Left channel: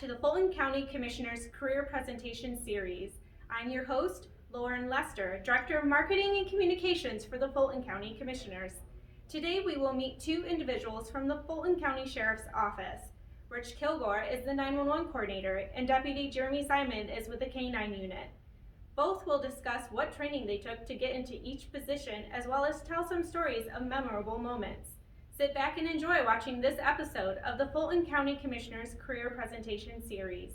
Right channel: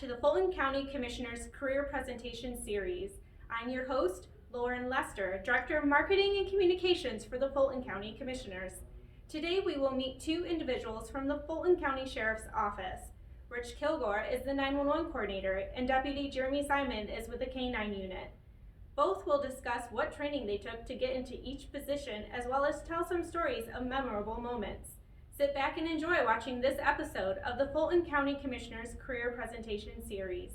to the Fulton County Commissioners Career Presentation Series. I'm your host, Lauren Lester, Director of Marketing and Communications for the Fulton County Commissioners. Today we will meet two individuals from the Fulton County Sheriff's Office. Rich Kilgore is the 911 coordinator and Deputy Jeremy Simon is with the K-9 unit. Both will discuss what training they took to get into each position as well as tell some stories of memorable moments. Sit back and enjoy watching this episode of the Fulton County Commissioners Career Presentation Series.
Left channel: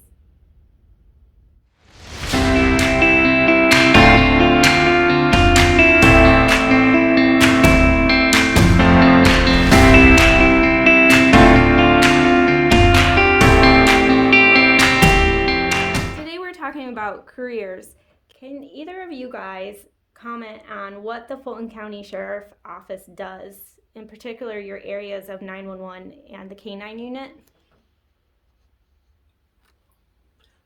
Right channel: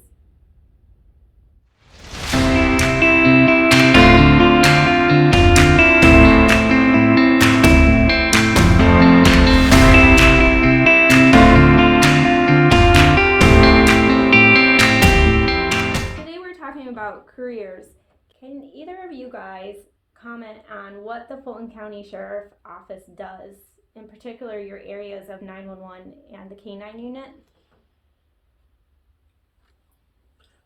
Today we're talking about careers. Can either of you guys comment on what the Fulton County Sheriff Office does? In particular, your areas of 911 and the K-9 unit?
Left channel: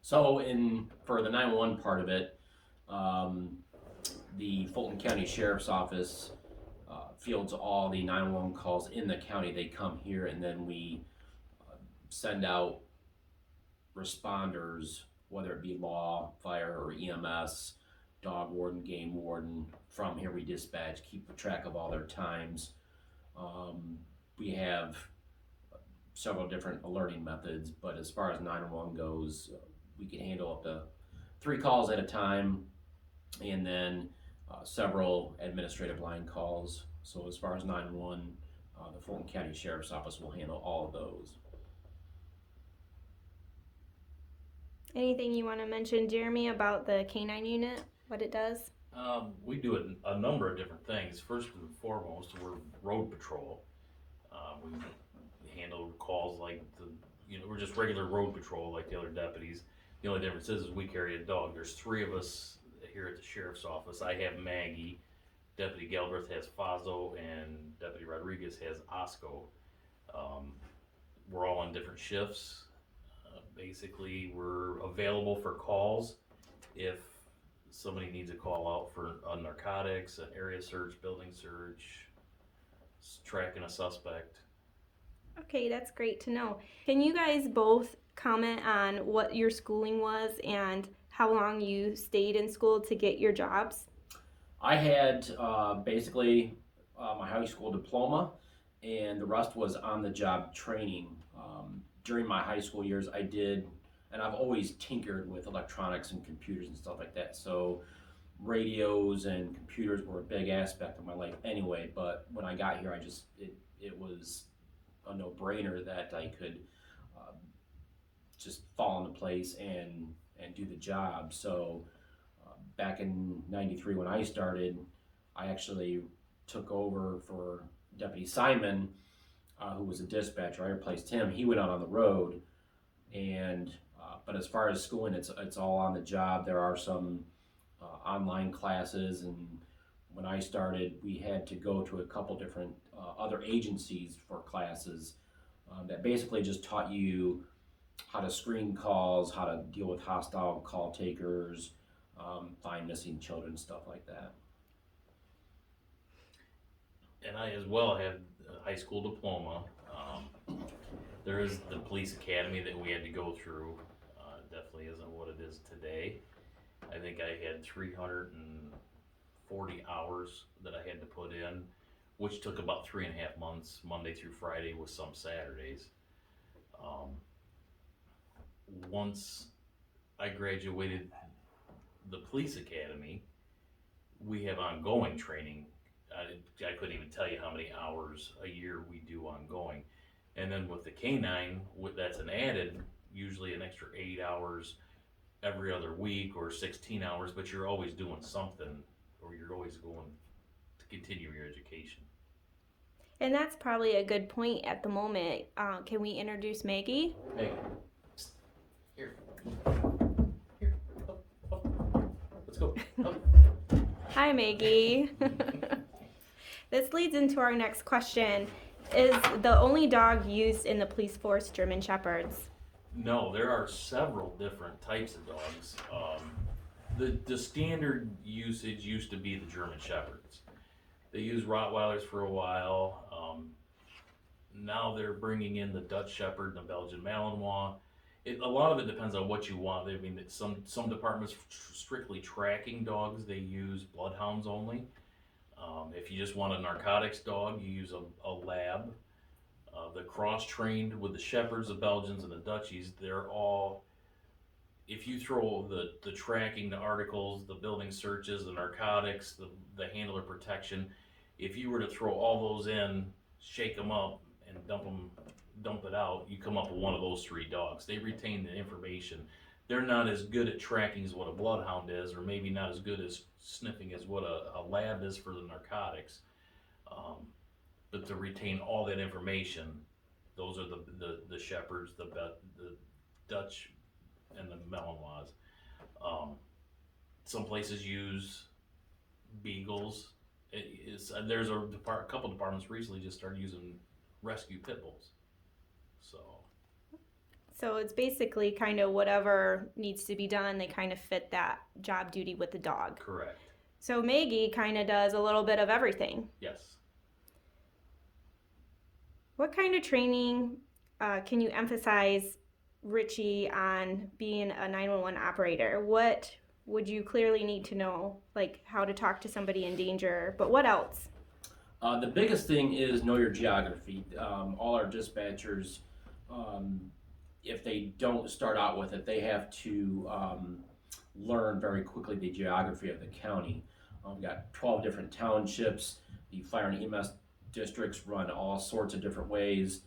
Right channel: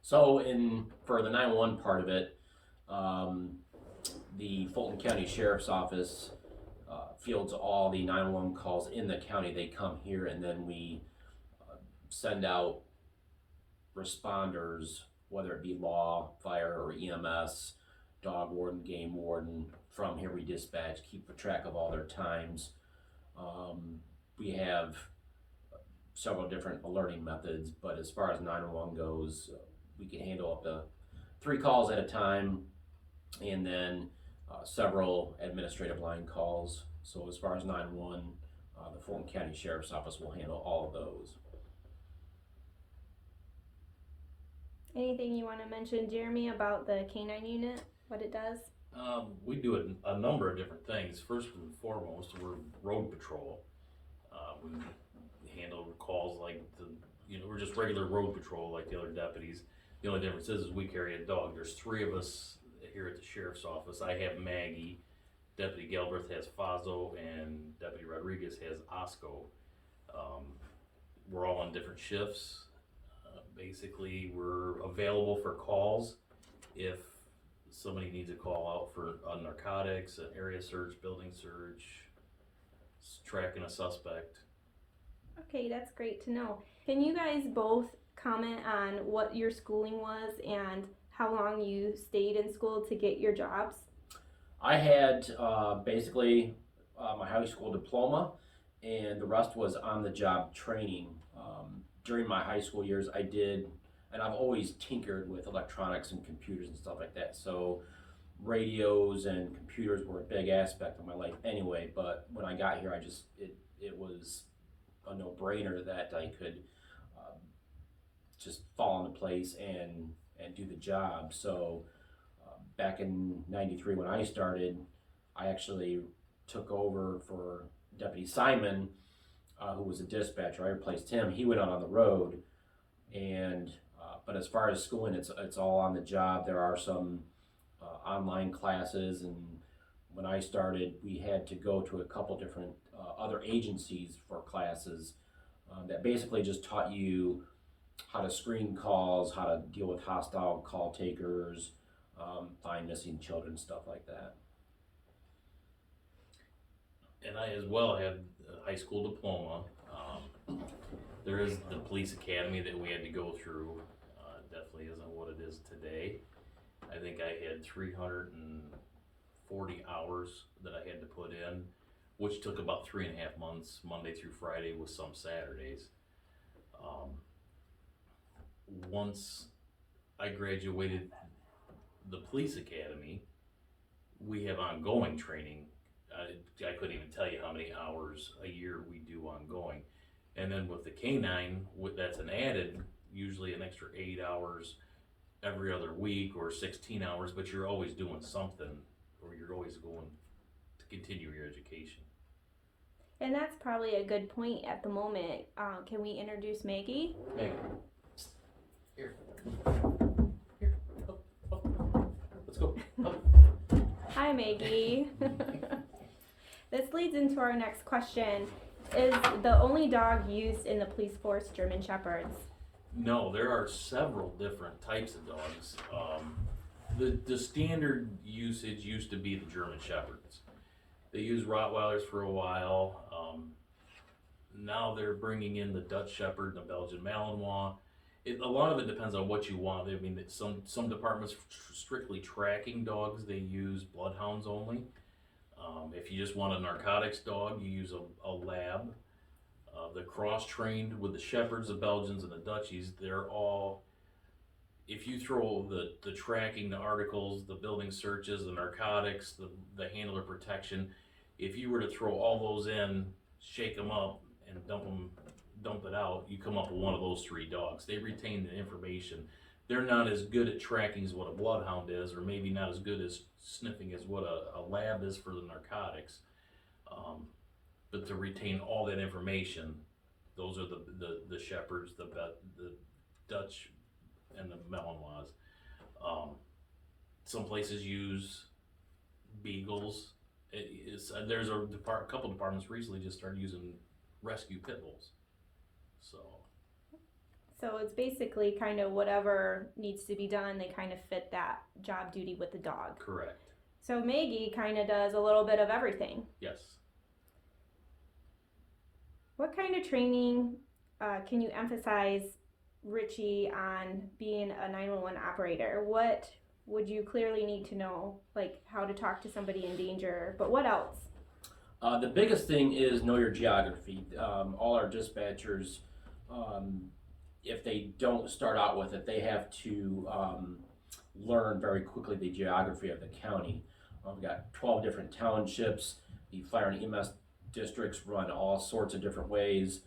So for the 911 part of it, the Fulton County Sheriff's Office fields all the 911 calls in the county. They come here and then we send out responders, whether it be law, fire, or EMS, dog warden, game warden. From here we dispatch, keep track of all their times. We have several different alerting methods, but as far as 911 goes, we can handle up to 3 calls at a time, and then several administrative line calls. So as far as 911, the Fulton County Sheriff's Office will handle all of those. Anything you want to mention, Jeremy, about the K-9 unit, what it does? We do a number of different things. First and foremost, we're road patrol. We handle calls like we're just regular road patrol like the other deputies. The only difference is we carry a dog. There's 3 of us here at the Sheriff's Office. I have Maggie, Deputy Galbraith has Fazo, and Deputy Rodriguez has Osco. We're all on different shifts. Basically, we're available for calls if somebody needs a call out for narcotics, an area search, building search, tracking a suspect. Okay, that's great to know. Can you guys both comment on what your schooling was and how long you stayed in school to get your jobs? I had basically my high school diploma, and the rest was on-the-job training. During my high school years, I did, and I've always tinkered with electronics and computers and stuff like that. So radios and computers were a big aspect of my life anyway, but when I got here, it was a no-brainer that I could just fall into place and do the job. So back in '93 when I started, I actually took over for Deputy Simon, who was a dispatcher. I replaced him. He went out on the road, and but as far as schooling, it's all on the job. There are some online classes, and when I started, we had to go to a couple different other agencies for classes that basically just taught you how to screen calls, how to deal with hostile call takers, find missing children, stuff like that. And I as well have a high school diploma. There is the police academy that we had to go through. Definitely isn't what it is today. I think I had 340 hours that I had to put in, which took about 3.5 months, Monday through Friday with some Saturdays. Once I graduated the police academy, we have ongoing training. I couldn't even tell you how many hours a year we do ongoing. And then with the K-9, that's an added, usually an extra 8 hours every other week or 16 hours, but you're always doing something, or you're always going to continue your education. And that's probably a good point at the moment. Can we introduce Maggie? Maggie, Here. Up. Let's go. Up. Hi, Maggie. This leads into our next question. Is the only dog used in the police force German Shepherds? No, there are several different types of dogs. The standard usage used to be the German Shepherds. They used Rottweilers for a while. Now they're bringing in the Dutch Shepherd and the Belgian Malinois, A lot of it depends on what you want. I mean, some departments strictly tracking dogs, they use bloodhounds only. If you just want a narcotics dog, you use a lab. The cross-trained with the Shepherds, the Belgians, and the Dutchies, they're all, if you throw the tracking, the articles, the building searches, the narcotics, the handler protection, if you were to throw all those in, shake them up, and dump it out, you come up with one of those three dogs. They retain the information. They're not as good at tracking as what a bloodhound is, or maybe not as good as sniffing as what a lab is for the narcotics. But to retain all that information, those are the Shepherds, the Dutch, and the Malinois. Some places use beagles. There's a couple departments recently just started using rescue pit bulls. So it's basically kind of whatever needs to be done, they kind of fit that job duty with the dog. Correct. So Maggie kind of does a little bit of everything. Yes. What kind of training can you emphasize, Richie, on being a 911 operator? What would you clearly need to know, like how to talk to somebody in danger, but what else? The biggest thing is know your geography. All our dispatchers, if they don't start out with it, they have to learn very quickly the geography of the county. We've got 12 different townships. The fire and EMS districts run all sorts of different ways.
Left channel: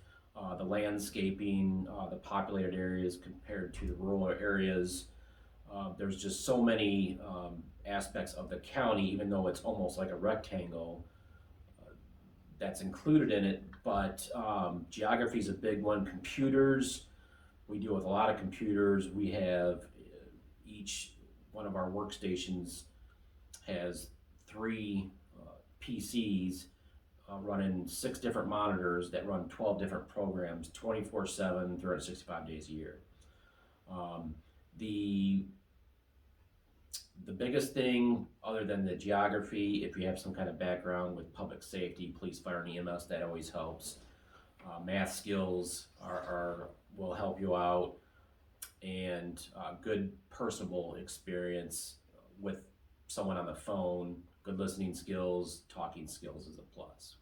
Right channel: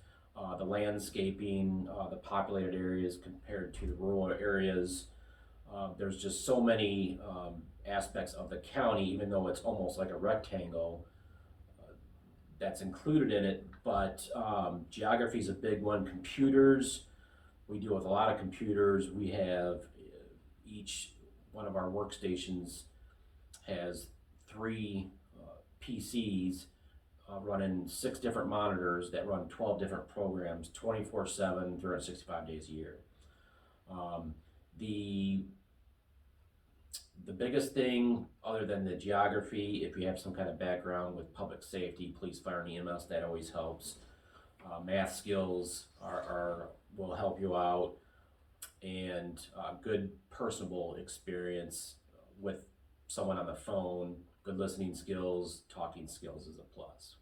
The landscaping, the populated areas compared to the rural areas. There's just so many aspects of the county, even though it's almost like a rectangle, that's included in it. But geography is a big one. Computers, we deal with a lot of computers. We have each one of our workstations has 3 PCs running 6 different monitors that run 12 different programs 24/7, 365 days a year. The biggest thing, other than the geography, if you have some kind of background with public safety, police, fire, and EMS, that always helps. Math skills will help you out, and good personable experience with someone on the phone, good listening skills, talking skills is a plus.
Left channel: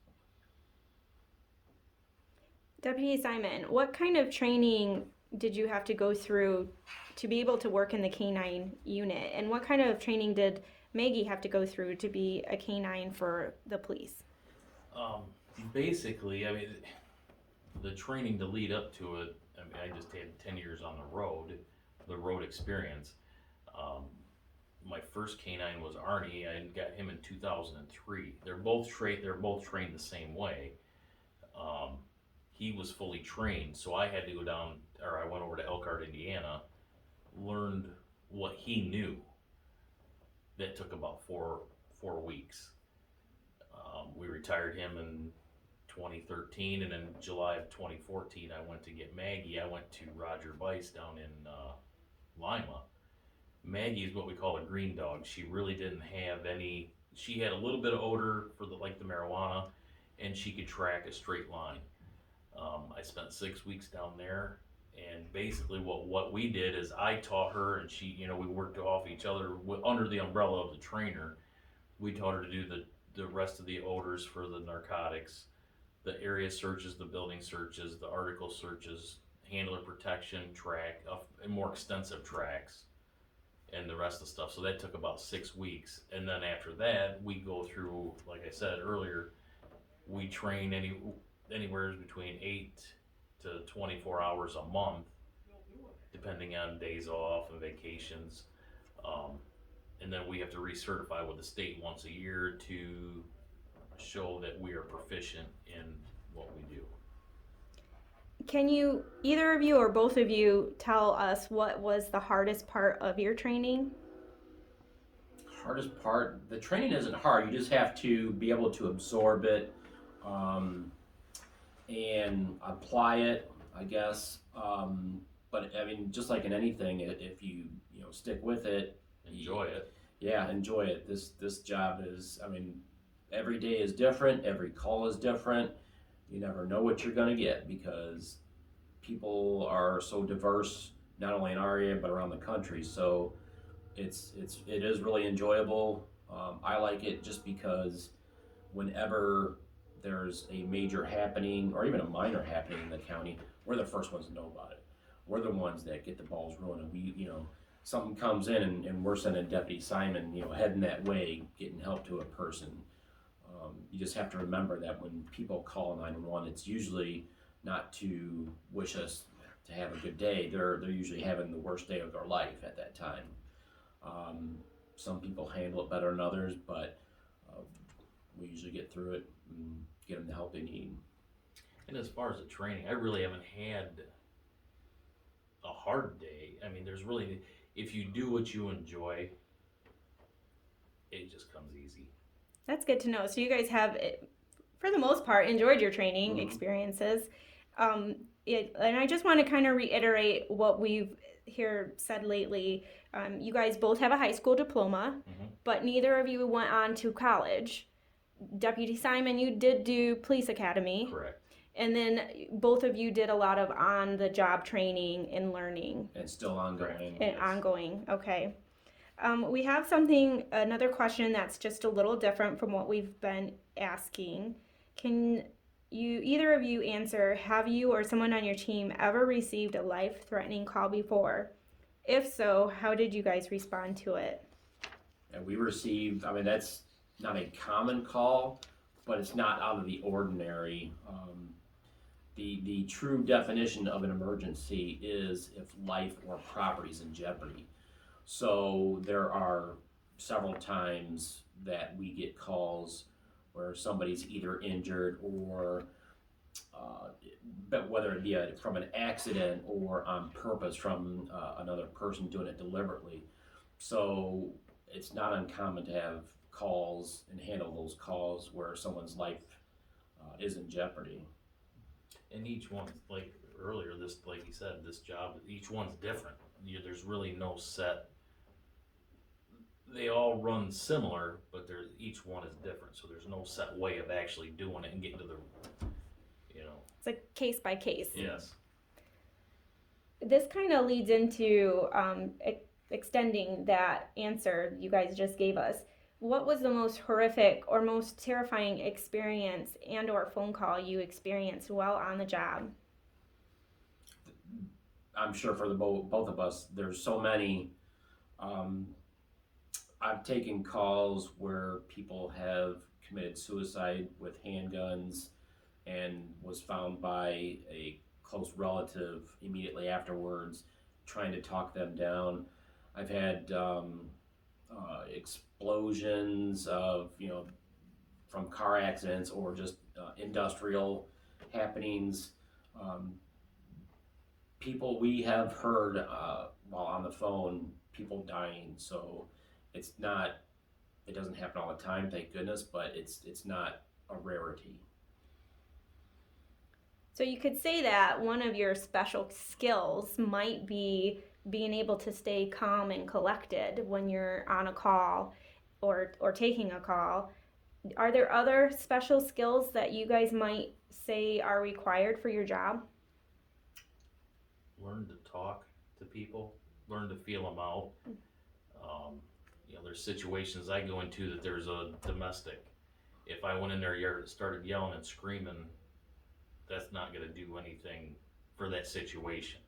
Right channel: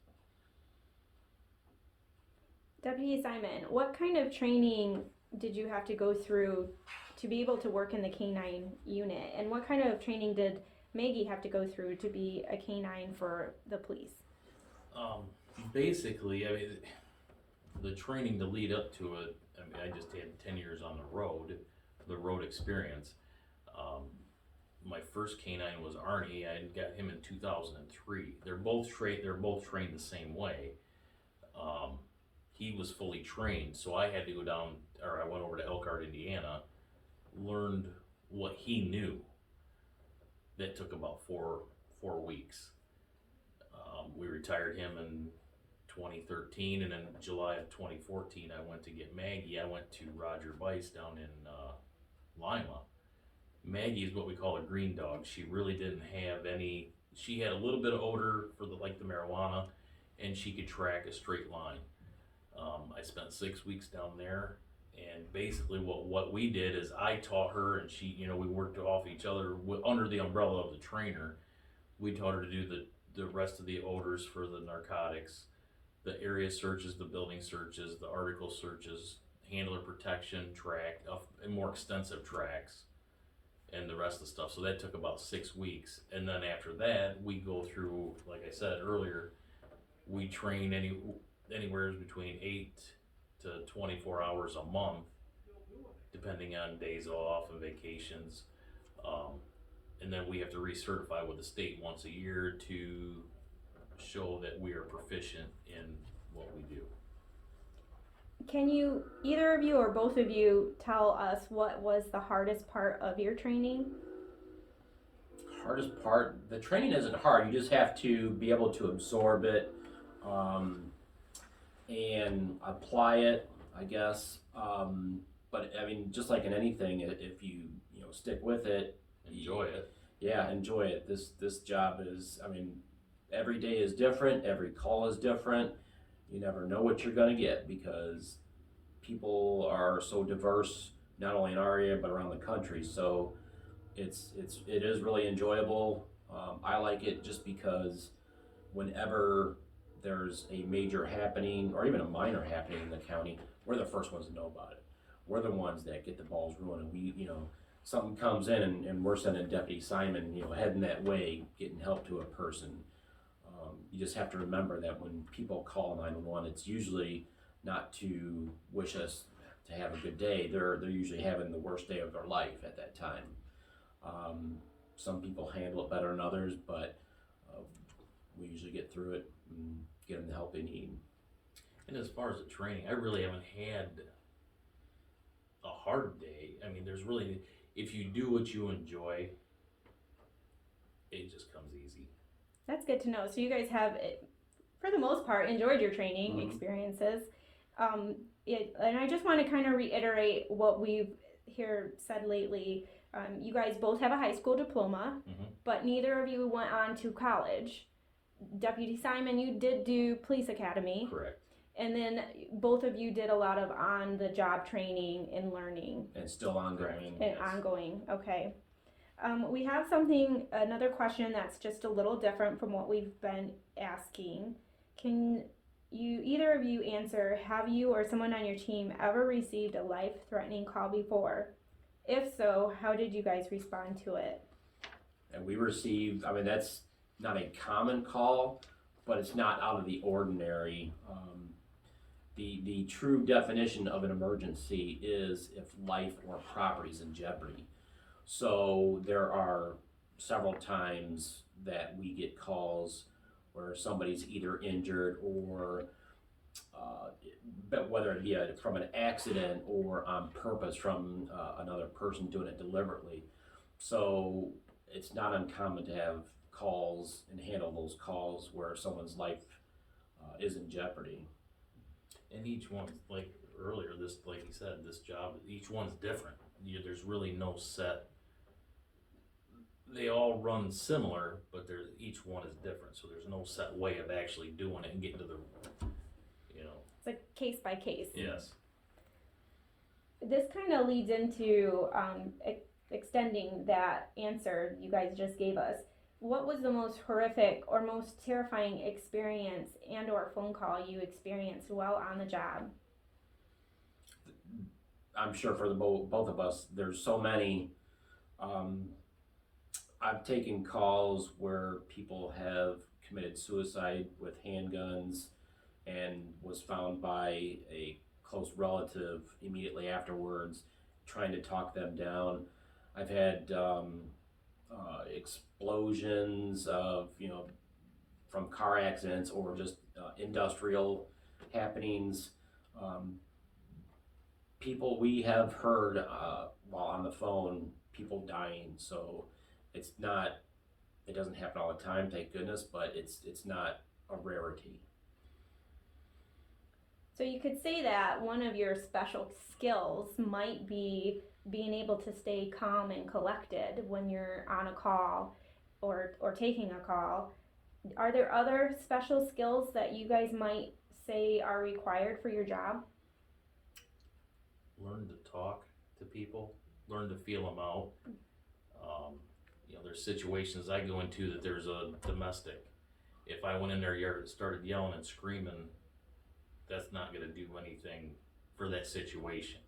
Deputy Simon, what kind of training did you have to go through to be able to work in the K9 unit? And what kind of training did Maggie have to go through to be a K9 for the police? Basically, I mean, the training to lead up to it, I mean, I just had 10 years on the road experience. My first K9 was Arnie. I got him in 2003. They're both trained the same way. He was fully trained, so I had to go down, or I went over to Elkhart, Indiana, learned what he knew. That took about four weeks. We retired him in 2013, and in July of 2014, I went to get Maggie. I went to Roger Bice down in Lima. Maggie is what we call a green dog. She really didn't have any. She had a little bit of odor for the marijuana, and she could track a straight line. I spent 6 weeks down there, and basically what we did is I taught her, and she, we worked off each other under the umbrella of the trainer. We taught her to do the rest of the odors for the narcotics, the area searches, the building searches, the article searches, handler protection, track, and more extensive tracks, and the rest of the stuff. So that took about 6 weeks. And then after that, we go through, like I said earlier, we train anywhere between 8 to 24 hours a month, depending on days off and vacations. And then we have to recertify with the state once a year to show that we are proficient in what we do. Can you, either of you or both of you, tell us what was the hardest part of your training? Hardest part? The training isn't hard. You just have to be able to absorb it and apply it, I guess. But I mean, just like in anything, if you stick with it, enjoy it. Yeah, enjoy it. This job is, I mean, every day is different. Every call is different. You never know what you're going to get because people are so diverse not only in our area but around the country. So it is really enjoyable. I like it just because whenever there's a major happening or even a minor happening in the county, we're the first ones to know about it. We're the ones that get the balls rolling, and we, something comes in and we're sending Deputy Simon, heading that way, getting help to a person. You just have to remember that when people call 911, it's usually not to wish us to have a good day. They're usually having the worst day of their life at that time. Some people handle it better than others, but we usually get through it and get them the help they need. And as far as the training, I really haven't had a hard day. I mean, there's really, if you do what you enjoy, it just comes easy. That's good to know. So you guys have, for the most part, enjoyed your training Mhm. experiences. And I just want to kind of reiterate what we've said lately. You guys both have a high school diploma, but neither of you went on to college. Deputy Simon, you did do police academy. Correct. And then both of you did a lot of on-the-job training and learning. And still ongoing. And ongoing, okay. We have another question that's just a little different from what we've been asking. Can either of you answer, have you or someone on your team ever received a life-threatening call before? If so, how did you guys respond to it? And we received, that's not a common call, but it's not out of the ordinary. The true definition of an emergency is if life or property is in jeopardy. So there are several times that we get calls where somebody's either injured or but whether it be from an accident or on purpose from another person doing it deliberately. So it's not uncommon to have calls and handle those calls where someone's life is in jeopardy. And each one, like earlier, like you said, this job, each one's different. There's really no set. They all run similar, but each one is different. So there's no set way of actually doing it and getting to the, It's a case by case. Yes. This kind of leads into extending that answer you guys just gave us. What was the most horrific or most terrifying experience and or phone call you experienced while on the job? I'm sure for both of us, there's so many. I've taken calls where people have committed suicide with handguns and was found by a close relative immediately afterwards trying to talk them down. I've had explosions of, from car accidents or just industrial happenings. We have heard while on the phone, people dying. So it doesn't happen all the time, thank goodness, but it's not a rarity. So you could say that one of your special skills might be being able to stay calm and collected when you're on a call or taking a call. Are there other special skills that you guys might say are required for your job? Learn to talk to people, learn to feel them out. There's situations I go into that there's a domestic. If I went in their yard and started yelling and screaming, that's not going to do anything for that situation.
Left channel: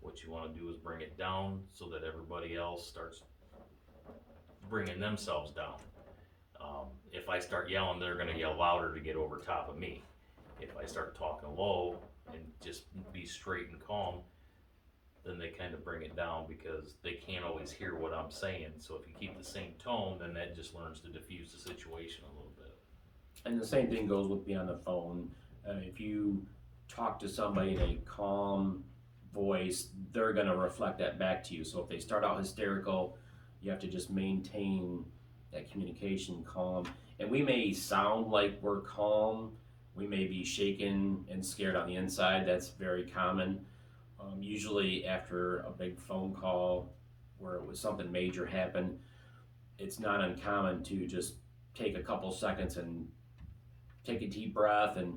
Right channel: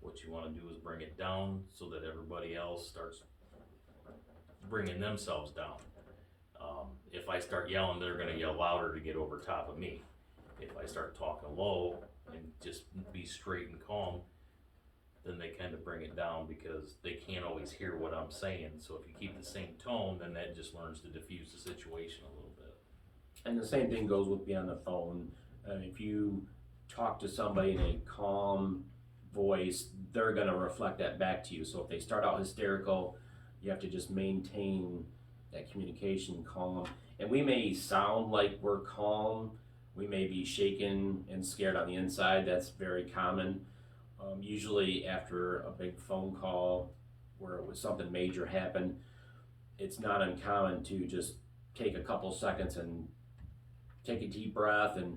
What you want to do is bring it down so that everybody else starts bringing themselves down. If I start yelling, they're going to yell louder to get over top of me. If I start talking low and just be straight and calm, then they kind of bring it down because they can't always hear what I'm saying. So if you keep the same tone, then that just learns to diffuse the situation a little bit. And the same thing goes with me on the phone. If you talk to somebody in a calm voice, they're going to reflect that back to you. So if they start out hysterical, you have to just maintain that communication calm. And we may sound like we're calm. We may be shaken and scared on the inside. That's very common. Usually after a big phone call where it was something major happened, it's not uncommon to just take a couple seconds and take a deep breath and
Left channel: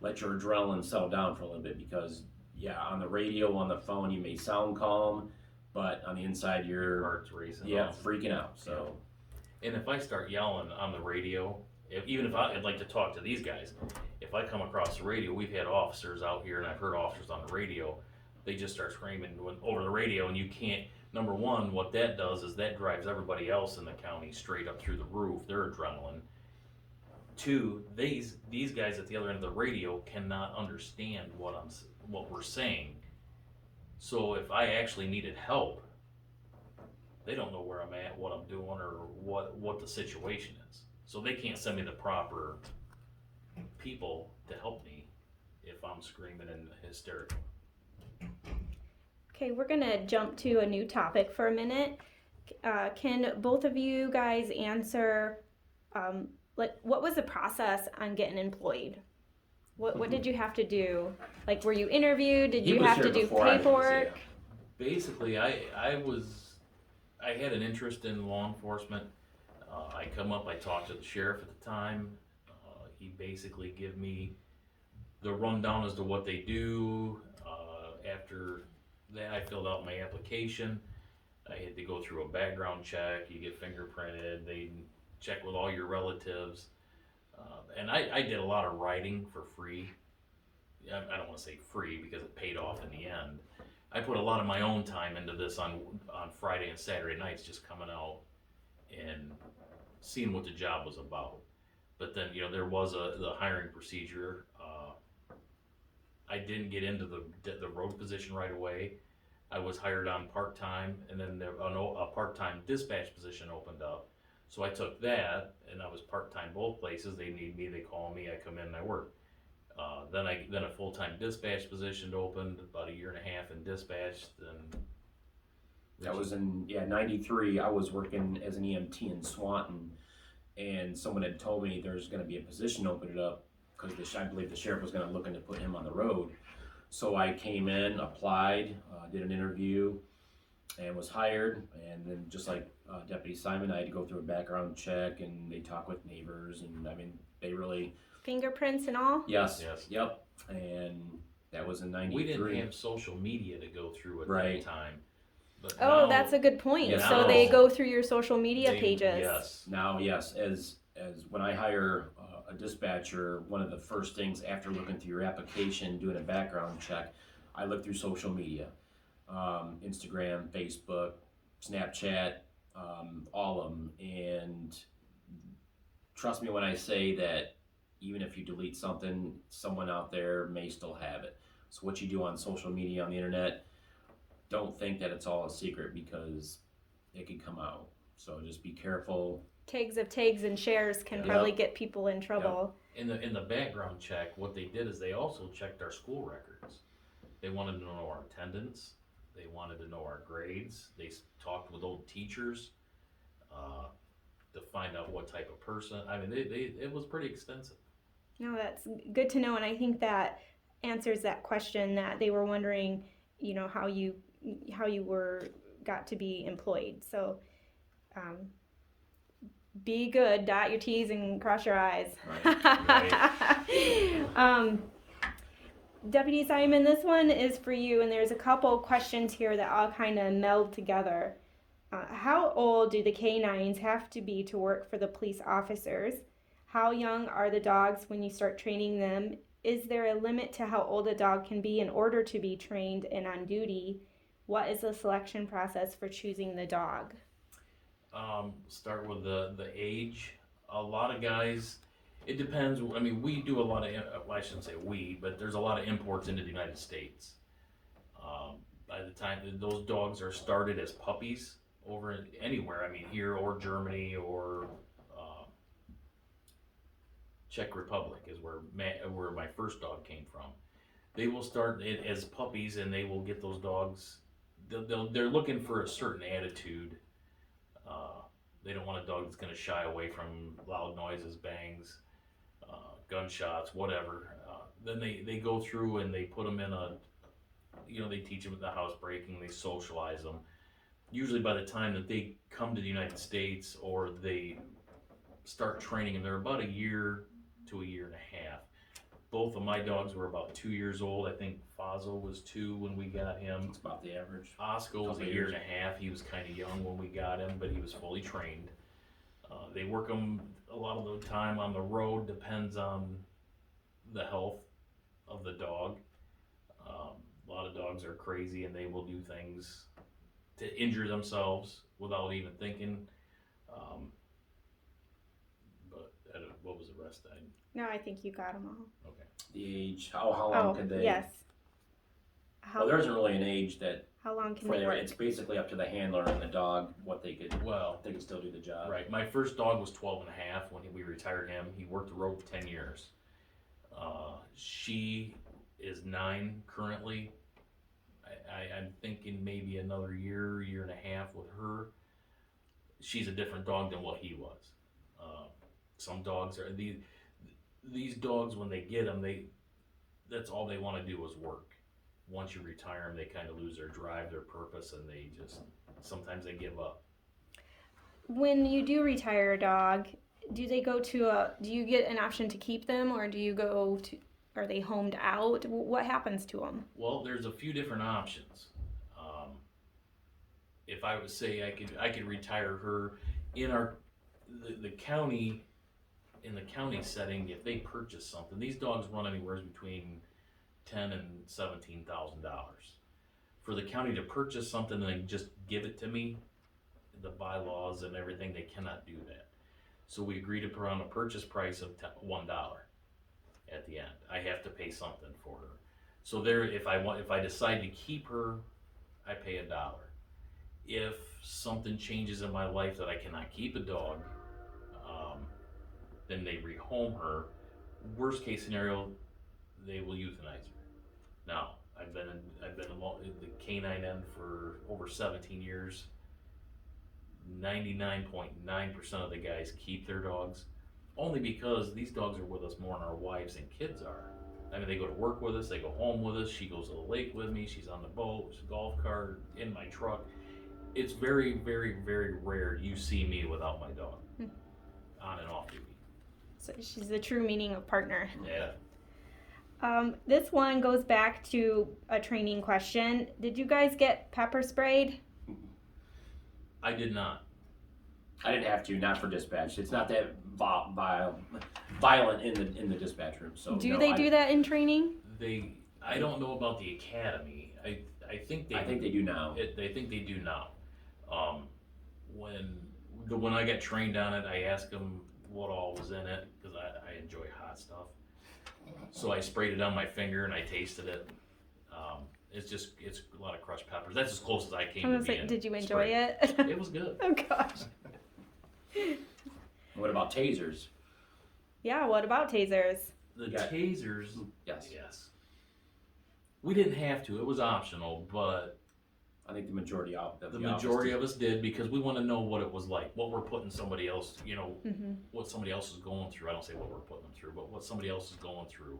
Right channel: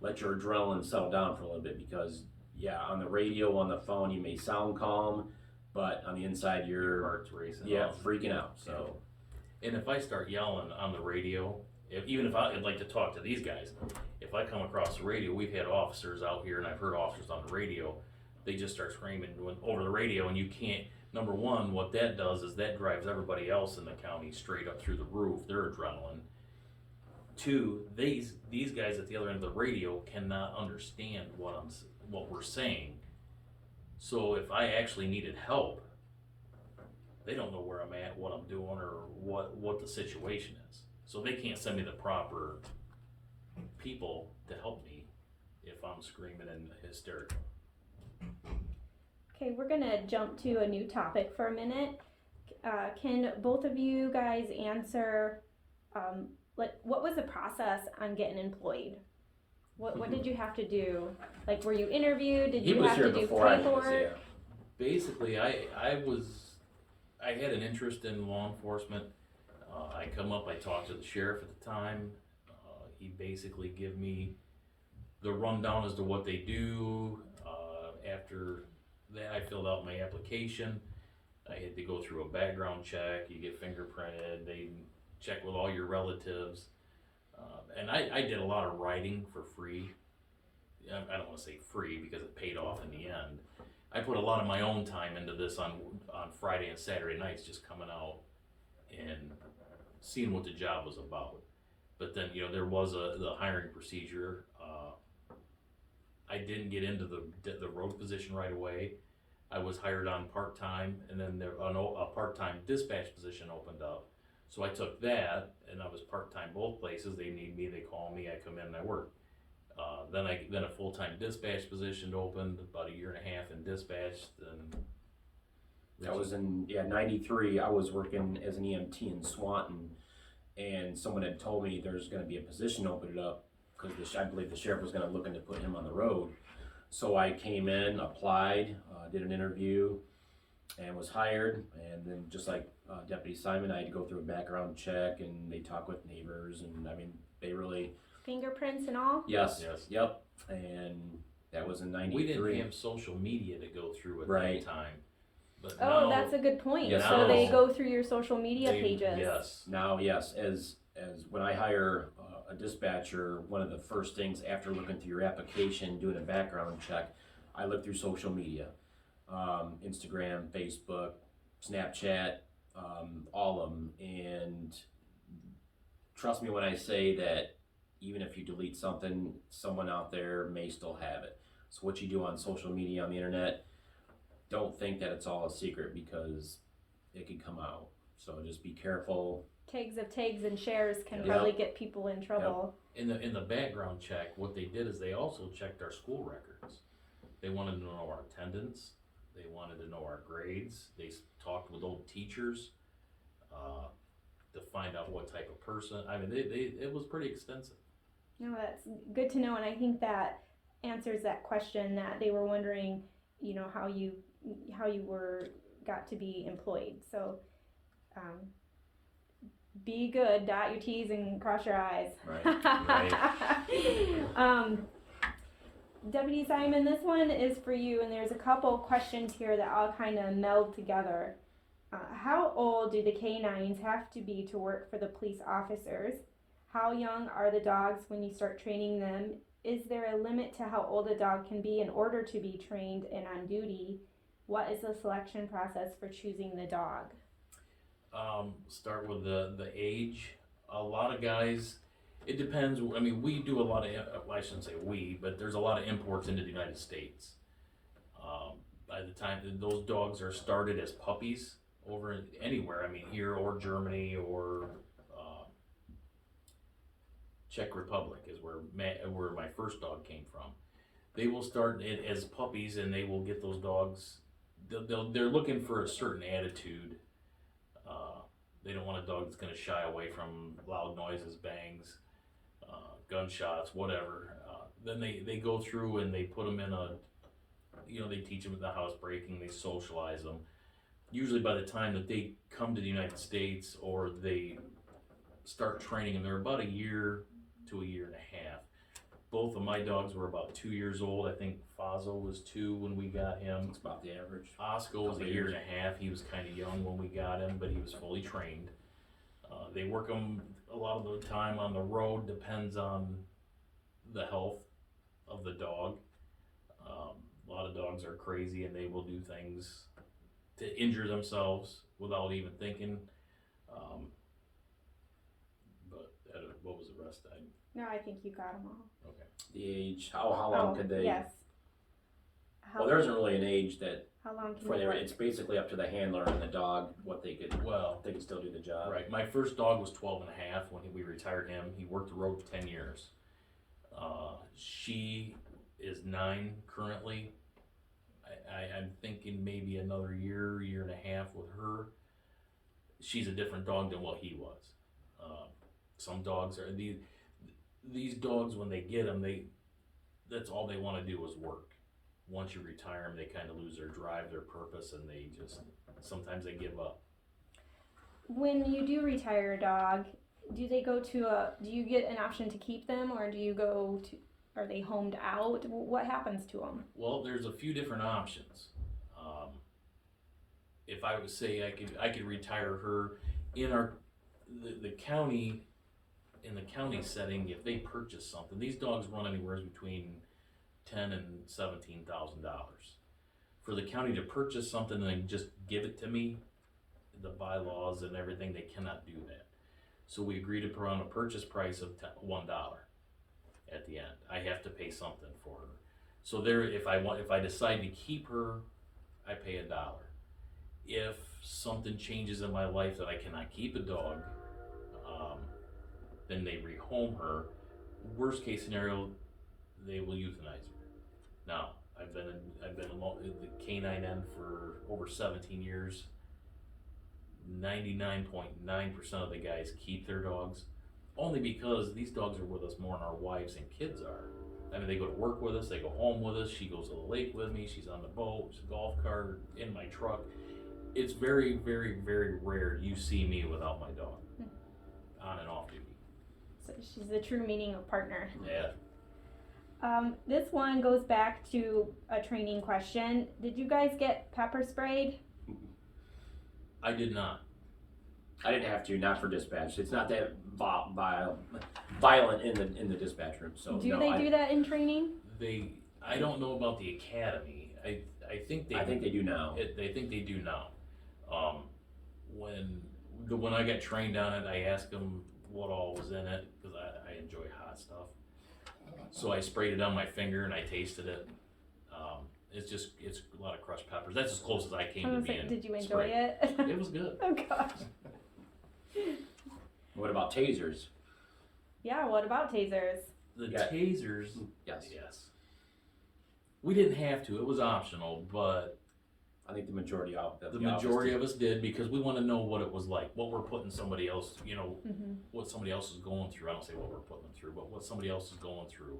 let your adrenaline settle down for a little bit, because yeah, on the radio, on the phone, you may sound calm, but on the inside, Your you're, heart's racing. yeah, freaking out, so. And if I start yelling on the radio, even if I'd like to talk to these guys, if I come across the radio, we've had officers out here, and I've heard officers on the radio, they just start screaming over the radio, and you can't. Number one, what that does is that drives everybody else in the county straight up through the roof. Their adrenaline. Two, these guys at the other end of the radio cannot understand what we're saying. So if I actually needed help, they don't know where I'm at, what I'm doing, or what the situation is. So they can't send me the proper people to help me if I'm screaming and hysterical. Okay, we're gonna jump to a new topic for a minute. Can both of you guys answer, what was the process on getting employed? What did you have to do? Like, were you interviewed? Did you have to do paperwork? Basically, I had an interest in law enforcement. I talked to the sheriff at the time. He basically gave me the rundown as to what they do. After that, I filled out my application. I had to go through a background check. You get fingerprinted. They check with all your relatives. And I did a lot of writing for free. I don't want to say free because it paid off in the end. I put a lot of my own time into this on Friday and Saturday nights, just coming out and seeing what the job was about. But then, there was the hiring procedure. I didn't get into the road position right away. I was hired on part-time, and then a part-time dispatch position opened up. So I took that, and I was part-time both places. They need me, they call me, I come in and I work. Then a full-time dispatch position opened, about a year and a half in dispatch. Then That was in 93. I was working as an EMT in Swanton, and someone had told me there's going to be a position opened up because I believe the sheriff was going to look into put him on the road. So I came in, applied, did an interview, and was hired. And then just like Deputy Simon, I had to go through a background check, and they talk with neighbors, and they really Fingerprints and all? yes, yep. And that was in 93. we didn't have social media to go through at that time. But now, That's a good point. Yes, so they go through your social media pages. Yes. Now, yes, as when I hire a dispatcher, one of the first things after looking through your application, doing a background check, I look through social media, Instagram, Facebook, Snapchat, all of them. And trust me when I say that even if you delete something, someone out there may still have it. So what you do on social media, on the internet, don't think that it's all a secret because it could come out. So just be careful. Tags and shares can Yep. really get people in trouble. In the background check, what they did is they also checked our school records. They wanted to know our attendance. They wanted to know our grades. They talked with old teachers to find out what type of person. I mean, it was pretty extensive. No, that's good to know, and I think that answers that question that they were wondering, how you got to be employed. So be good, dot your T's and cross your I's. Right. Deputy Simon, this one is for you, and there's a couple questions here that all kind of meld together. How old do the canines have to be to work for the police officers? How young are the dogs when you start training them? Is there a limit to how old a dog can be in order to be trained and on duty? What is the selection process for choosing the dog? Start with the age. A lot of guys, it depends. I mean, we do a lot of, I shouldn't say we, but there's a lot of imports into the United States. By the time those dogs are started as puppies over anywhere, I mean, here or Germany or Czech Republic is where my first dog came from. They will start it as puppies, and they will get those dogs. They're looking for a certain attitude. They don't want a dog that's going to shy away from loud noises, bangs, gunshots, whatever. Then they go through and they put them in they teach them the housebreaking, they socialize them. Usually by the time that they come to the United States or they start training them, they're about a year to a year and a half. both of my dogs were about 2 years old. I think Fazo was 2 when we got him. It's about the average. Oscar was a year and a half. He was kind of young when we got him, but he was fully trained. They work him a lot of the time on the road, depends on the health of the dog. A lot of dogs are crazy and they will do things to injure themselves without even thinking. But what was the rest? No, I think you got them all. Okay. The age, how long could they? Yes. Well, there isn't really an age that How long can for they work? it's basically up to the handler and the dog what they could. Well, they can still do the job. right. My first dog was 12 and a half when we retired him. He worked the road for 10 years. She is 9 currently. I'm thinking maybe another year and a half with her. She's a different dog than what he was. Some dogs are these dogs when they get them, that's all they want to do is work. Once you retire them, they kind of lose their drive, their purpose, and they just sometimes they give up. When you do retire a dog, do they go to do you get an option to keep them, or do you go to, are they homed out? What happens to them? Well, there's a few different options. If I would say I could retire her in the county, in the county setting, if they purchase something, these dogs run anywhere between $10,000 and $17,000. For the county to purchase something and then just give it to me, the bylaws and everything, they cannot do that. So we agreed to put on a purchase price of $1 at the end. I have to pay something for her. So there, if I decide to keep her, I pay $1. If something changes in my life that I cannot keep a dog, then they rehome her. Worst case scenario, they will euthanize her. Now, I've been along the canine end for over 17 years. 99.9% of the guys keep their dogs, only because these dogs are with us more than our wives and kids are. I mean, they go to work with us, they go home with us, she goes to the lake with me, she's on the boat, she's a golf cart, in my truck. It's very, very, very rare you see me without my dog, on and off duty. So she's the true meaning of partner. Yeah. This one goes back to a training question. Did you guys get pepper sprayed? I did not. I didn't have to, not for dispatch. It's not that violent in the dispatch room. So do that in training? I don't know about the academy. I think they do now. They think they do now. When I got trained on it, I asked them what all was in it because I enjoy hot stuff. So I sprayed it on my finger and I tasted it. It's a lot of crushed peppers. That's as close as I came to being. Did you enjoy it? It was good. Oh gosh. What about tasers? Yeah, what about tasers? The tasers, Yes. We didn't have to. It was optional, but I think the majority of us did because we want to know what it was like, what we're putting somebody else, what somebody else is going through. I don't say what we're putting them through, but what somebody else is going through.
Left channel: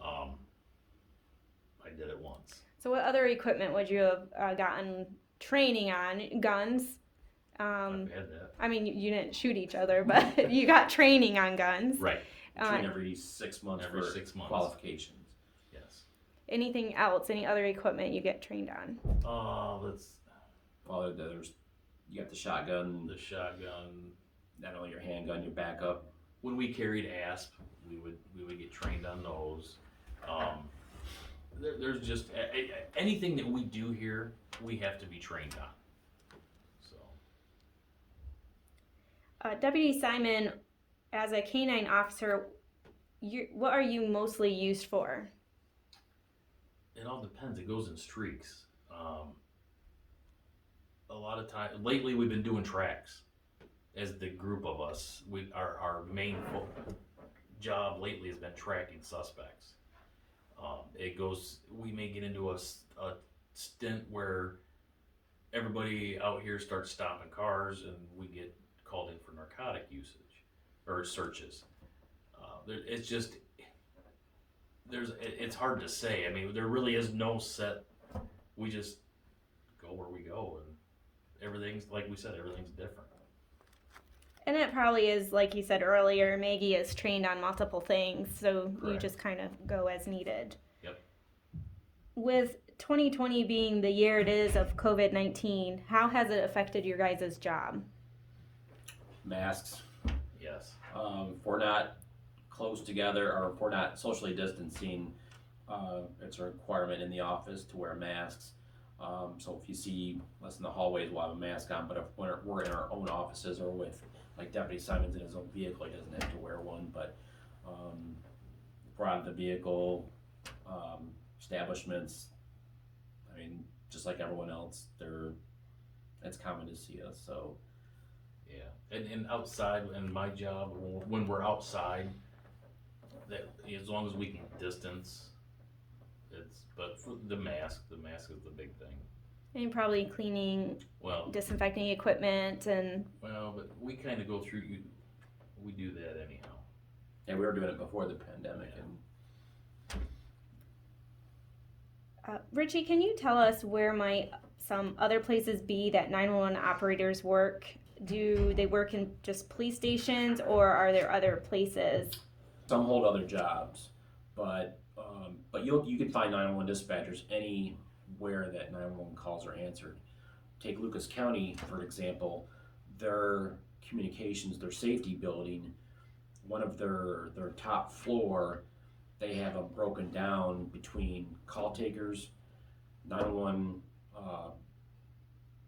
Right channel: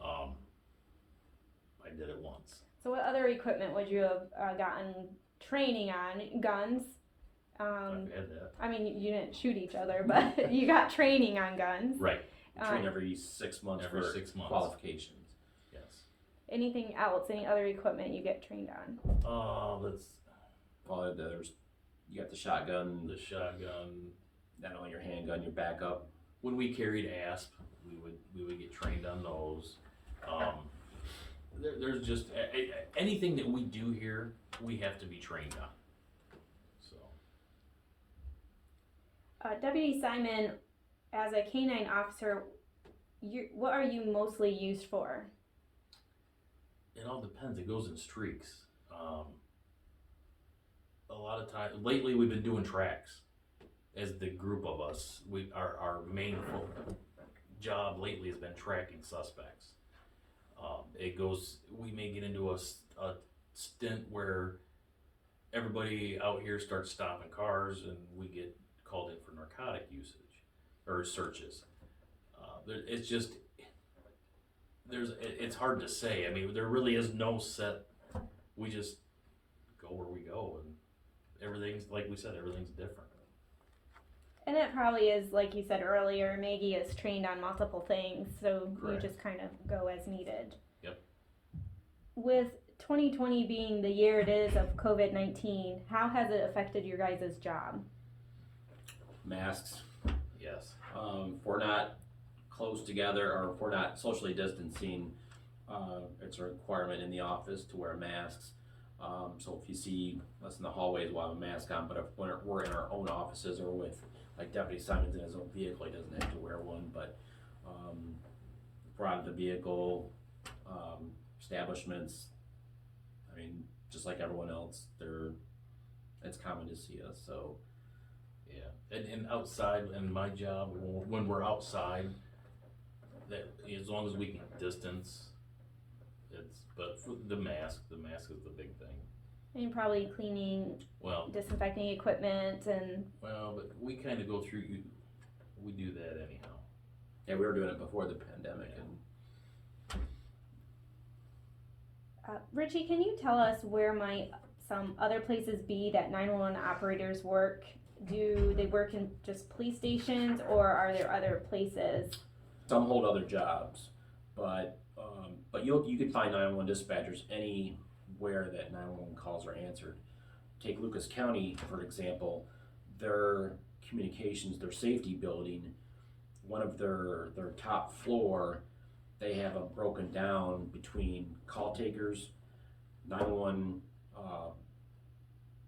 I did it once. So what other equipment would you have gotten training on? Guns? I've had that. I mean, you didn't shoot each other, but you got training on guns. Right. Train every 6 months Every for 6 months. qualifications. Yes. Anything else? Any other equipment you get trained on? Well, you got the shotgun. The shotgun. Not only your handgun, your backup. When we carried ASP, we would get trained on those. There's just anything that we do here, we have to be trained on. So. Deputy Simon, as a canine officer, what are you mostly used for? It all depends. It goes in streaks. A lot of time lately, we've been doing tracks. As the group of us, our main job lately has been tracking suspects. We may get into a stint where everybody out here starts stopping cars and we get called in for narcotic usage or searches. It's hard to say. I mean, there really is no set. We just go where we go, and everything's, like we said, everything's different. And it probably is, like you said earlier, Maggie is trained on multiple things, so you Correct. just kind of go as needed. Yep. With 2020 being the year it is of COVID-19, how has it affected your guys' job? Masks. Yes. If we're not close together or if we're not socially distancing, it's a requirement in the office to wear masks. So if you see us in the hallways, we'll have a mask on, but if we're in our own offices or with, like Deputy Simon's in his own vehicle, he doesn't have to wear one, but if we're out of the vehicle, establishments, I mean, just like everyone else, it's common to see us, so. Yeah, and outside, and my job, when we're outside, that as long as we can distance, but for the mask is the big thing. And you're probably cleaning, Well, disinfecting equipment, and but we kind of go through, we do that anyhow. Yeah, we were doing it before the pandemic, and Richie, can you tell us where might some other places be that 911 operators work? Do they work in just police stations, or are there other places? some hold other jobs, but you can find 911 dispatchers anywhere that 911 calls are answered. Take Lucas County, for example, their communications, their safety building, one of their top floor, they have them broken down between call takers, 911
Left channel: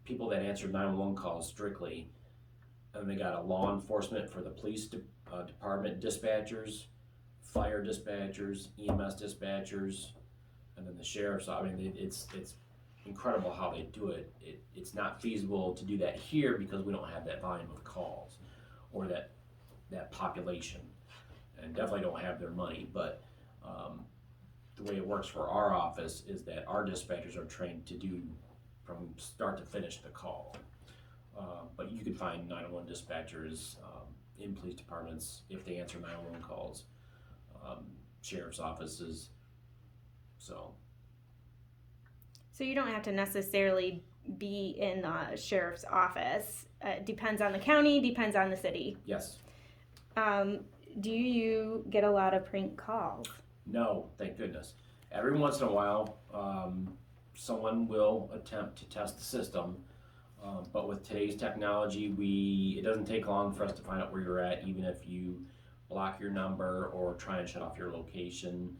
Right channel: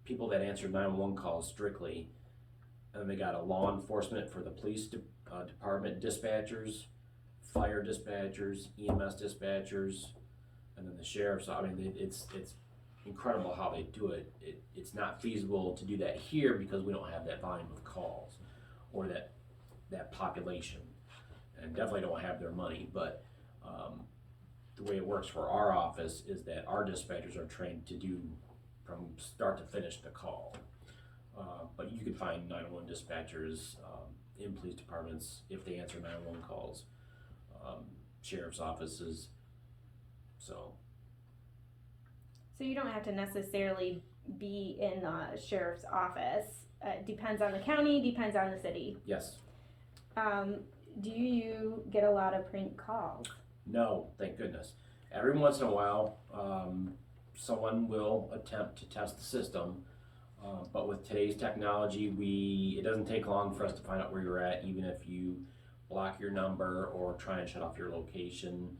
people that answer 911 calls strictly, and they got a law enforcement for the police department dispatchers, fire dispatchers, EMS dispatchers, and then the sheriff's. I mean, it's incredible how they do it. It's not feasible to do that here because we don't have that volume of calls or that population, and definitely don't have their money. But the way it works for our office is that our dispatchers are trained to do from start to finish the call. But you can find 911 dispatchers in police departments if they answer 911 calls, sheriff's offices. So you don't have to necessarily be in the sheriff's office. Depends on the county, depends on the city. yes. Do you get a lot of prank calls? No, thank goodness. Every once in a while, someone will attempt to test the system, but with today's technology, it doesn't take long for us to find out where you're at, even if you block your number or try and shut off your location.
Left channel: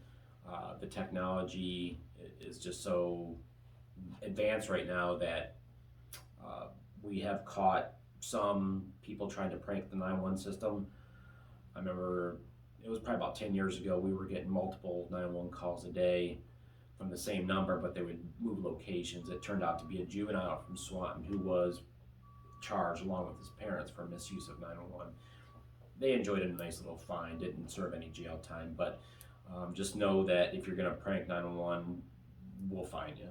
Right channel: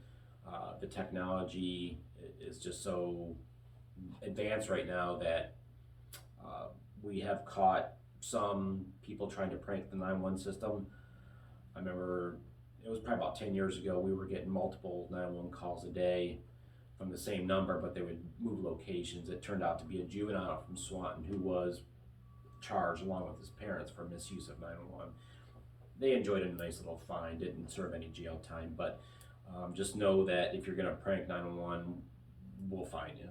The technology is just so advanced right now that we have caught some people trying to prank the 911 system. I remember it was probably about 10 years ago, we were getting multiple 911 calls a day from the same number, but they would move locations. It turned out to be a juvenile from Swanton who was charged along with his parents for misuse of 911. They enjoyed a nice little fine, didn't serve any jail time, but just know that if you're gonna prank 911, we'll find you.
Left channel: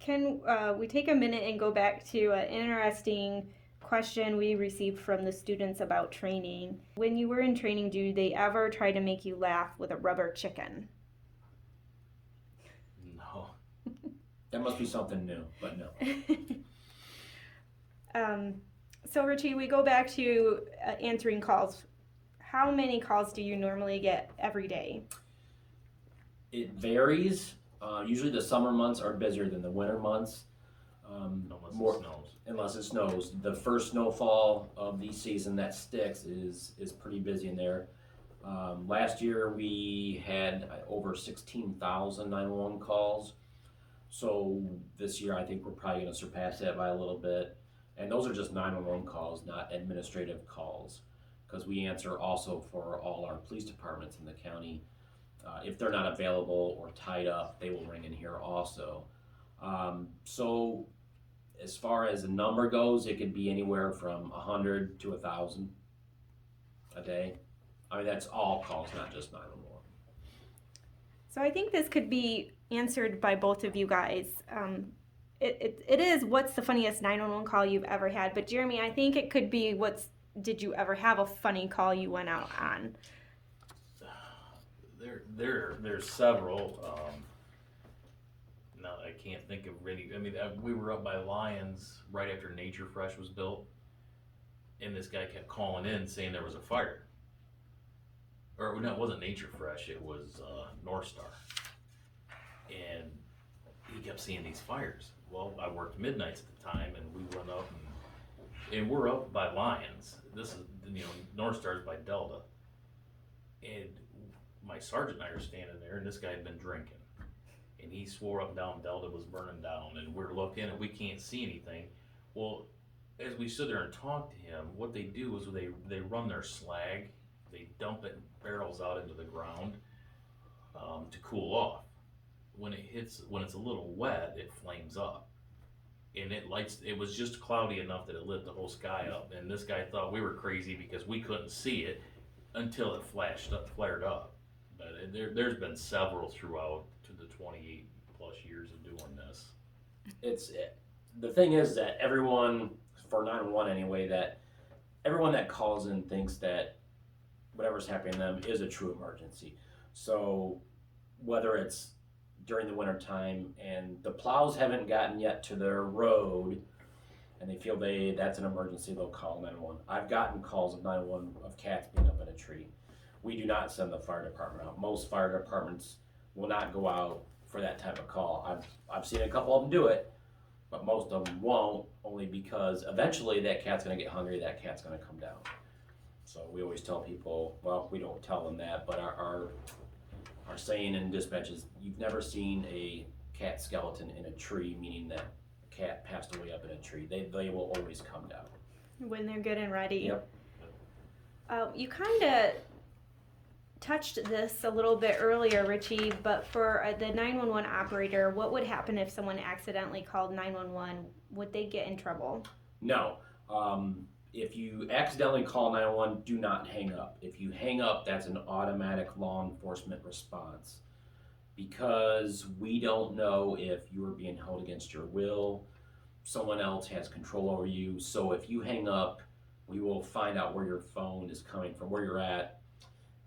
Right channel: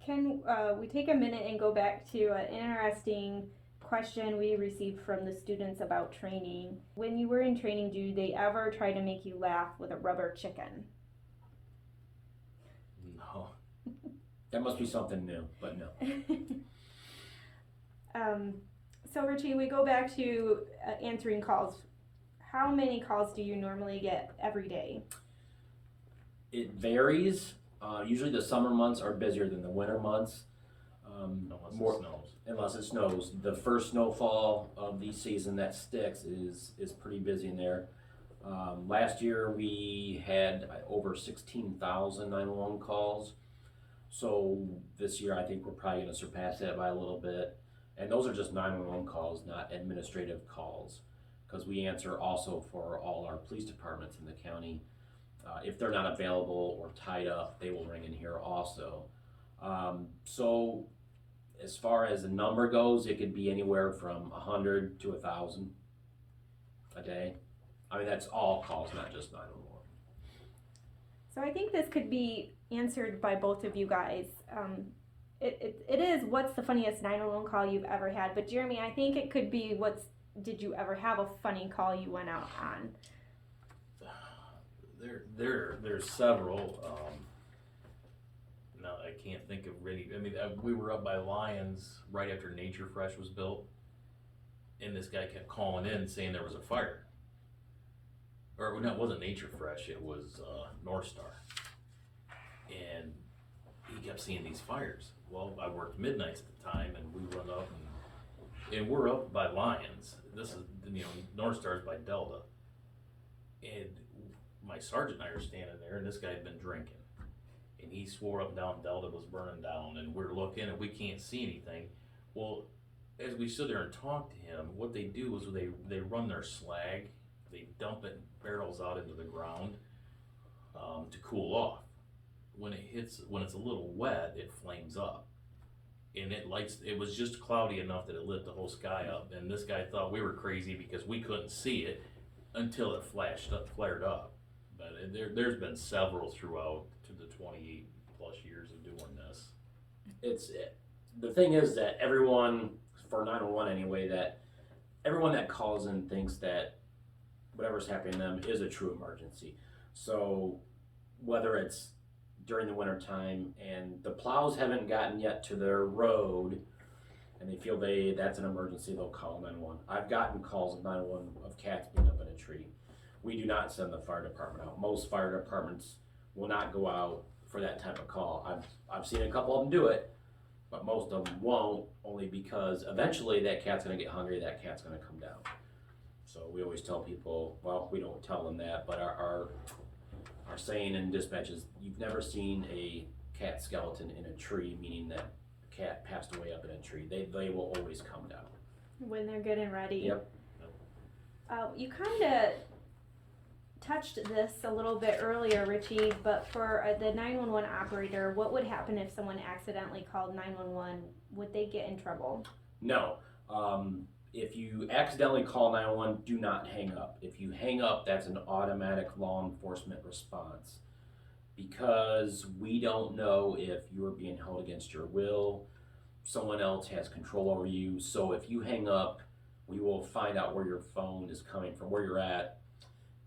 Can we take a minute and go back to an interesting question we received from the students about training? When you were in training, do they ever try to make you laugh with a rubber chicken? No. That must be something new, but no. So Richie, we go back to answering calls. How many calls do you normally get every day? It varies. Usually the summer months are busier than the winter months. Unless it snows. Unless it snows. The first snowfall of the season that sticks is pretty busy in there. Last year we had over 16,000 911 calls. So this year I think we're probably going to surpass that by a little bit. And those are just 911 calls, not administrative calls, because we answer also for all our police departments in the county. If they're not available or tied up, they will ring in here also. So as far as the number goes, it could be anywhere from 100 to 1,000 a day. I mean, that's all calls, not just 911. So I think this could be answered by both of you guys. It is what's the funniest 911 call you've ever had, but Jeremy, I think it could be did you ever have a funny call you went out on? There's There's several. now I can't think of any, I mean, we were up by Lions right after Nature Fresh was built, and this guy kept calling in saying there was a fire. Or, no, it wasn't Nature Fresh, it was, North Star. And he kept seeing these fires. Well, I worked midnights at the time, and we went up, and we're up by Lions. This is, North Star's by Delta. And my sergeant and I are standing there, and this guy had been drinking. And he swore up and down Delta was burning down, and we're looking, and we can't see anything. Well, as we stood there and talked to him, what they do is they run their slag, they dump it in barrels out into the ground to cool off. When it's a little wet, it flames up, and it was just cloudy enough that it lit the whole sky up. And this guy thought we were crazy because we couldn't see it until it flared up. But there's been several throughout to the 28 plus years of doing this. The thing is that everyone, for 911 anyway, that everyone that calls in thinks that whatever's happening to them is a true emergency. So whether it's during the winter time and the plows haven't gotten yet to their road and they feel that's an emergency, they'll call 911. I've gotten calls of 911 of cats being up in a tree. We do not send the fire department out. Most fire departments will not go out for that type of call. I've seen a couple of them do it, but most of them won't, only because eventually that cat's gonna get hungry, that cat's gonna come down. So we always tell people, well, we don't tell them that, but our saying in dispatch is, you've never seen a cat skeleton in a tree, meaning that a cat passed away up in a tree. They will always come down. When they're good and ready. Yep. You kind of touched this a little bit earlier, Richie, but for the 911 operator, what would happen if someone accidentally called 911? Would they get in trouble? No. If you accidentally call 911, do not hang up. If you hang up, that's an automatic law enforcement response, because we don't know if you're being held against your will. Someone else has control over you. So if you hang up, we will find out where your phone is coming from, where you're at,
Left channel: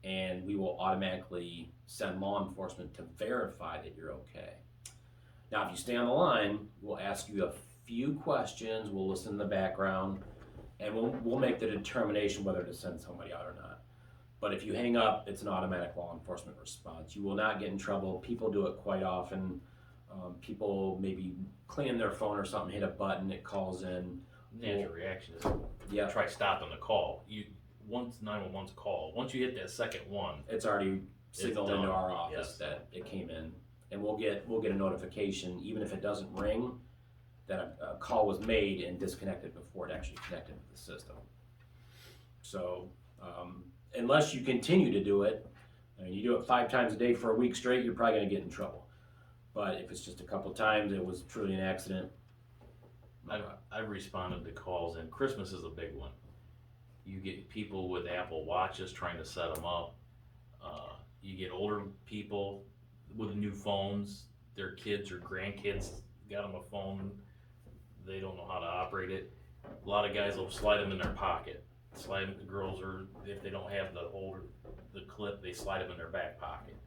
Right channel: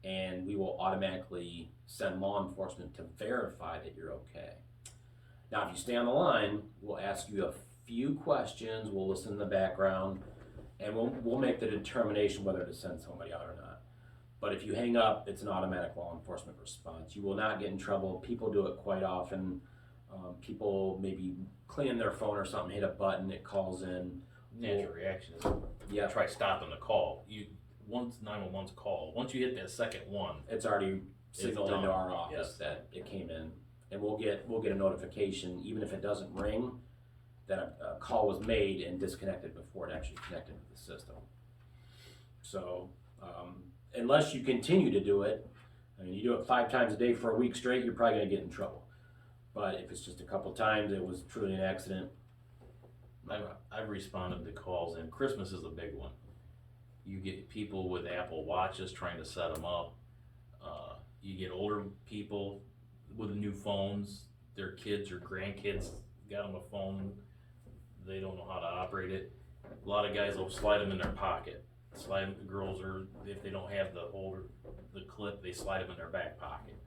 and we will automatically send law enforcement to verify that you're okay. Now, if you stay on the line, we'll ask you a few questions, we'll listen in the background, and we'll make the determination whether to send somebody out or not. But if you hang up, it's an automatic law enforcement response. You will not get in trouble. People do it quite often. People maybe cleaning their phone or something, hit a button, it calls in. Natural reaction is try stopping the call. Once 911's called, once you hit that second one, it's already signaled into our office Yes. that it came in, and we'll get a notification, even if it doesn't ring, that a call was made and disconnected before it actually connected to the system. So unless you continue to do it, I mean, you do it 5 times a day for a week straight, you're probably going to get in trouble. But if it's just a couple times, it was truly an accident. I've responded to calls, and Christmas is a big one. You get people with Apple Watches trying to set them up. You get older people with new phones. Their kids or grandkids got them a phone. They don't know how to operate it. A lot of guys will slide them in their pocket. Girls, or if they don't have the clip, they slide them in their back pocket.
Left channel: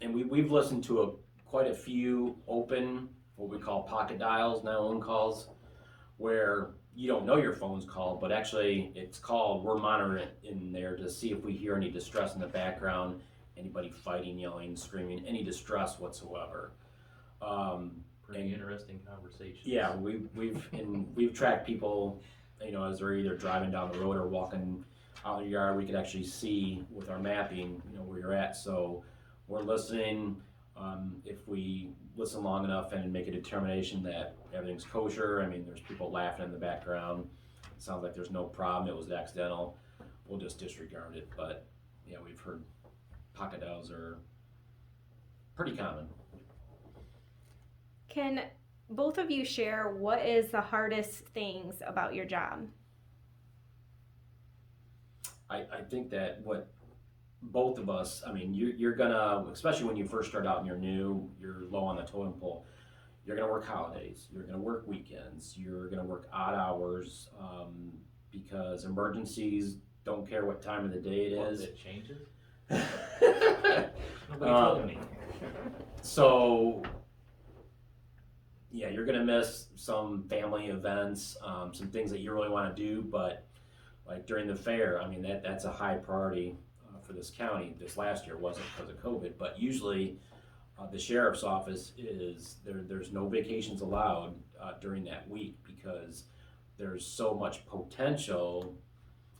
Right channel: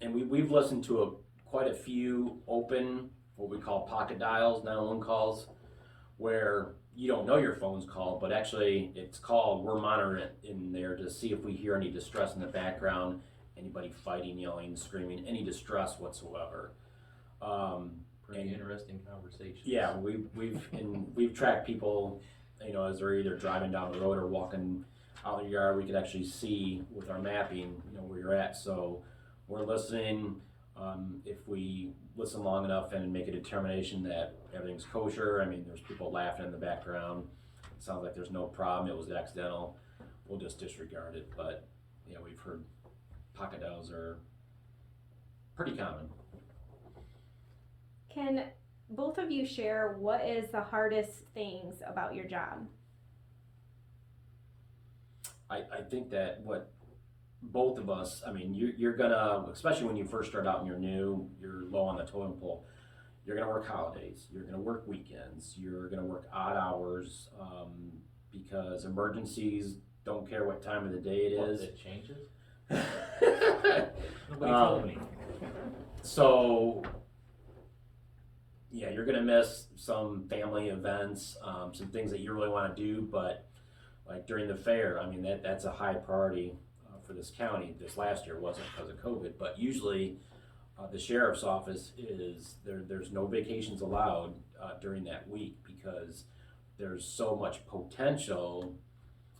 And we've listened to quite a few open, what we call pocket dials, 911 calls, where you don't know your phone's called, but actually it's called. We're monitoring it in there to see if we hear any distress in the background, anybody fighting, yelling, screaming, any distress whatsoever. Pretty interesting conversations. Yeah, we've tracked people, as they're either driving down the road or walking out in the yard. We could actually see with our mapping, where you're at. So we're listening. If we listen long enough and make a determination that everything's kosher, I mean, there's people laughing in the background, it sounds like there's no problem, it was accidental, we'll just disregard it. But yeah, we've heard pocket dials are pretty common. Can both of you share what is the hardest things about your job? I think that what both of us, I mean, you're gonna, especially when you first start out and you're new, you're low on the totem pole, you're gonna work holidays, you're gonna work weekends, you're gonna work odd hours, because emergencies don't care what time of the day it is. It changes? Nobody told me. So, yeah, you're gonna miss some family events, some things that you really want to do, but like during the fair, I mean that's a high priority for this county. This last year wasn't because of COVID, but usually the sheriff's office is there. There's no vacations allowed during that week because there's so much potential.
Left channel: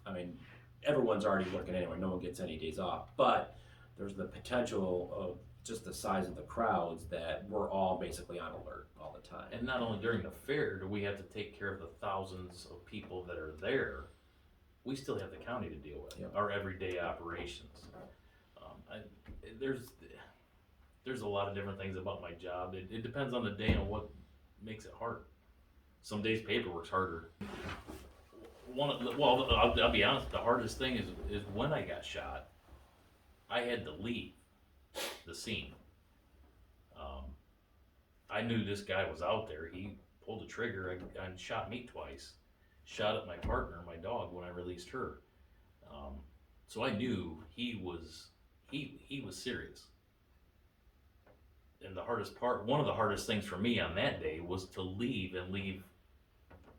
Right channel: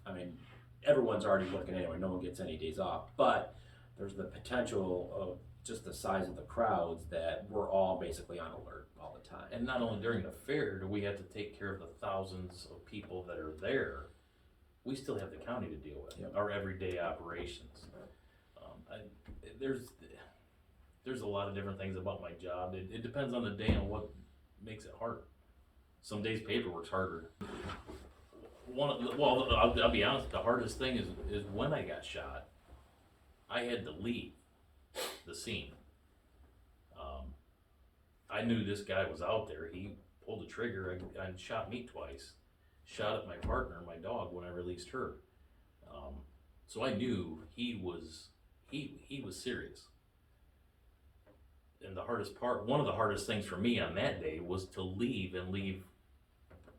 I mean, everyone's already working anyway. No one gets any days off, but there's the potential of just the size of the crowds that we're all basically on alert all the time. And not only during the fair do we have to take care of the thousands of people that are there, we still have the county to deal with, Yep. our everyday operations. There's a lot of different things about my job. It depends on the day and what makes it hard. Some days paperwork's harder. I'll be honest, the hardest thing is when I got shot, I had to leave the scene. I knew this guy was out there. He pulled the trigger and shot me twice. Shot at my partner, my dog, when I released her. So I knew he was serious. And the hardest part, one of the hardest things for me on that day was to leave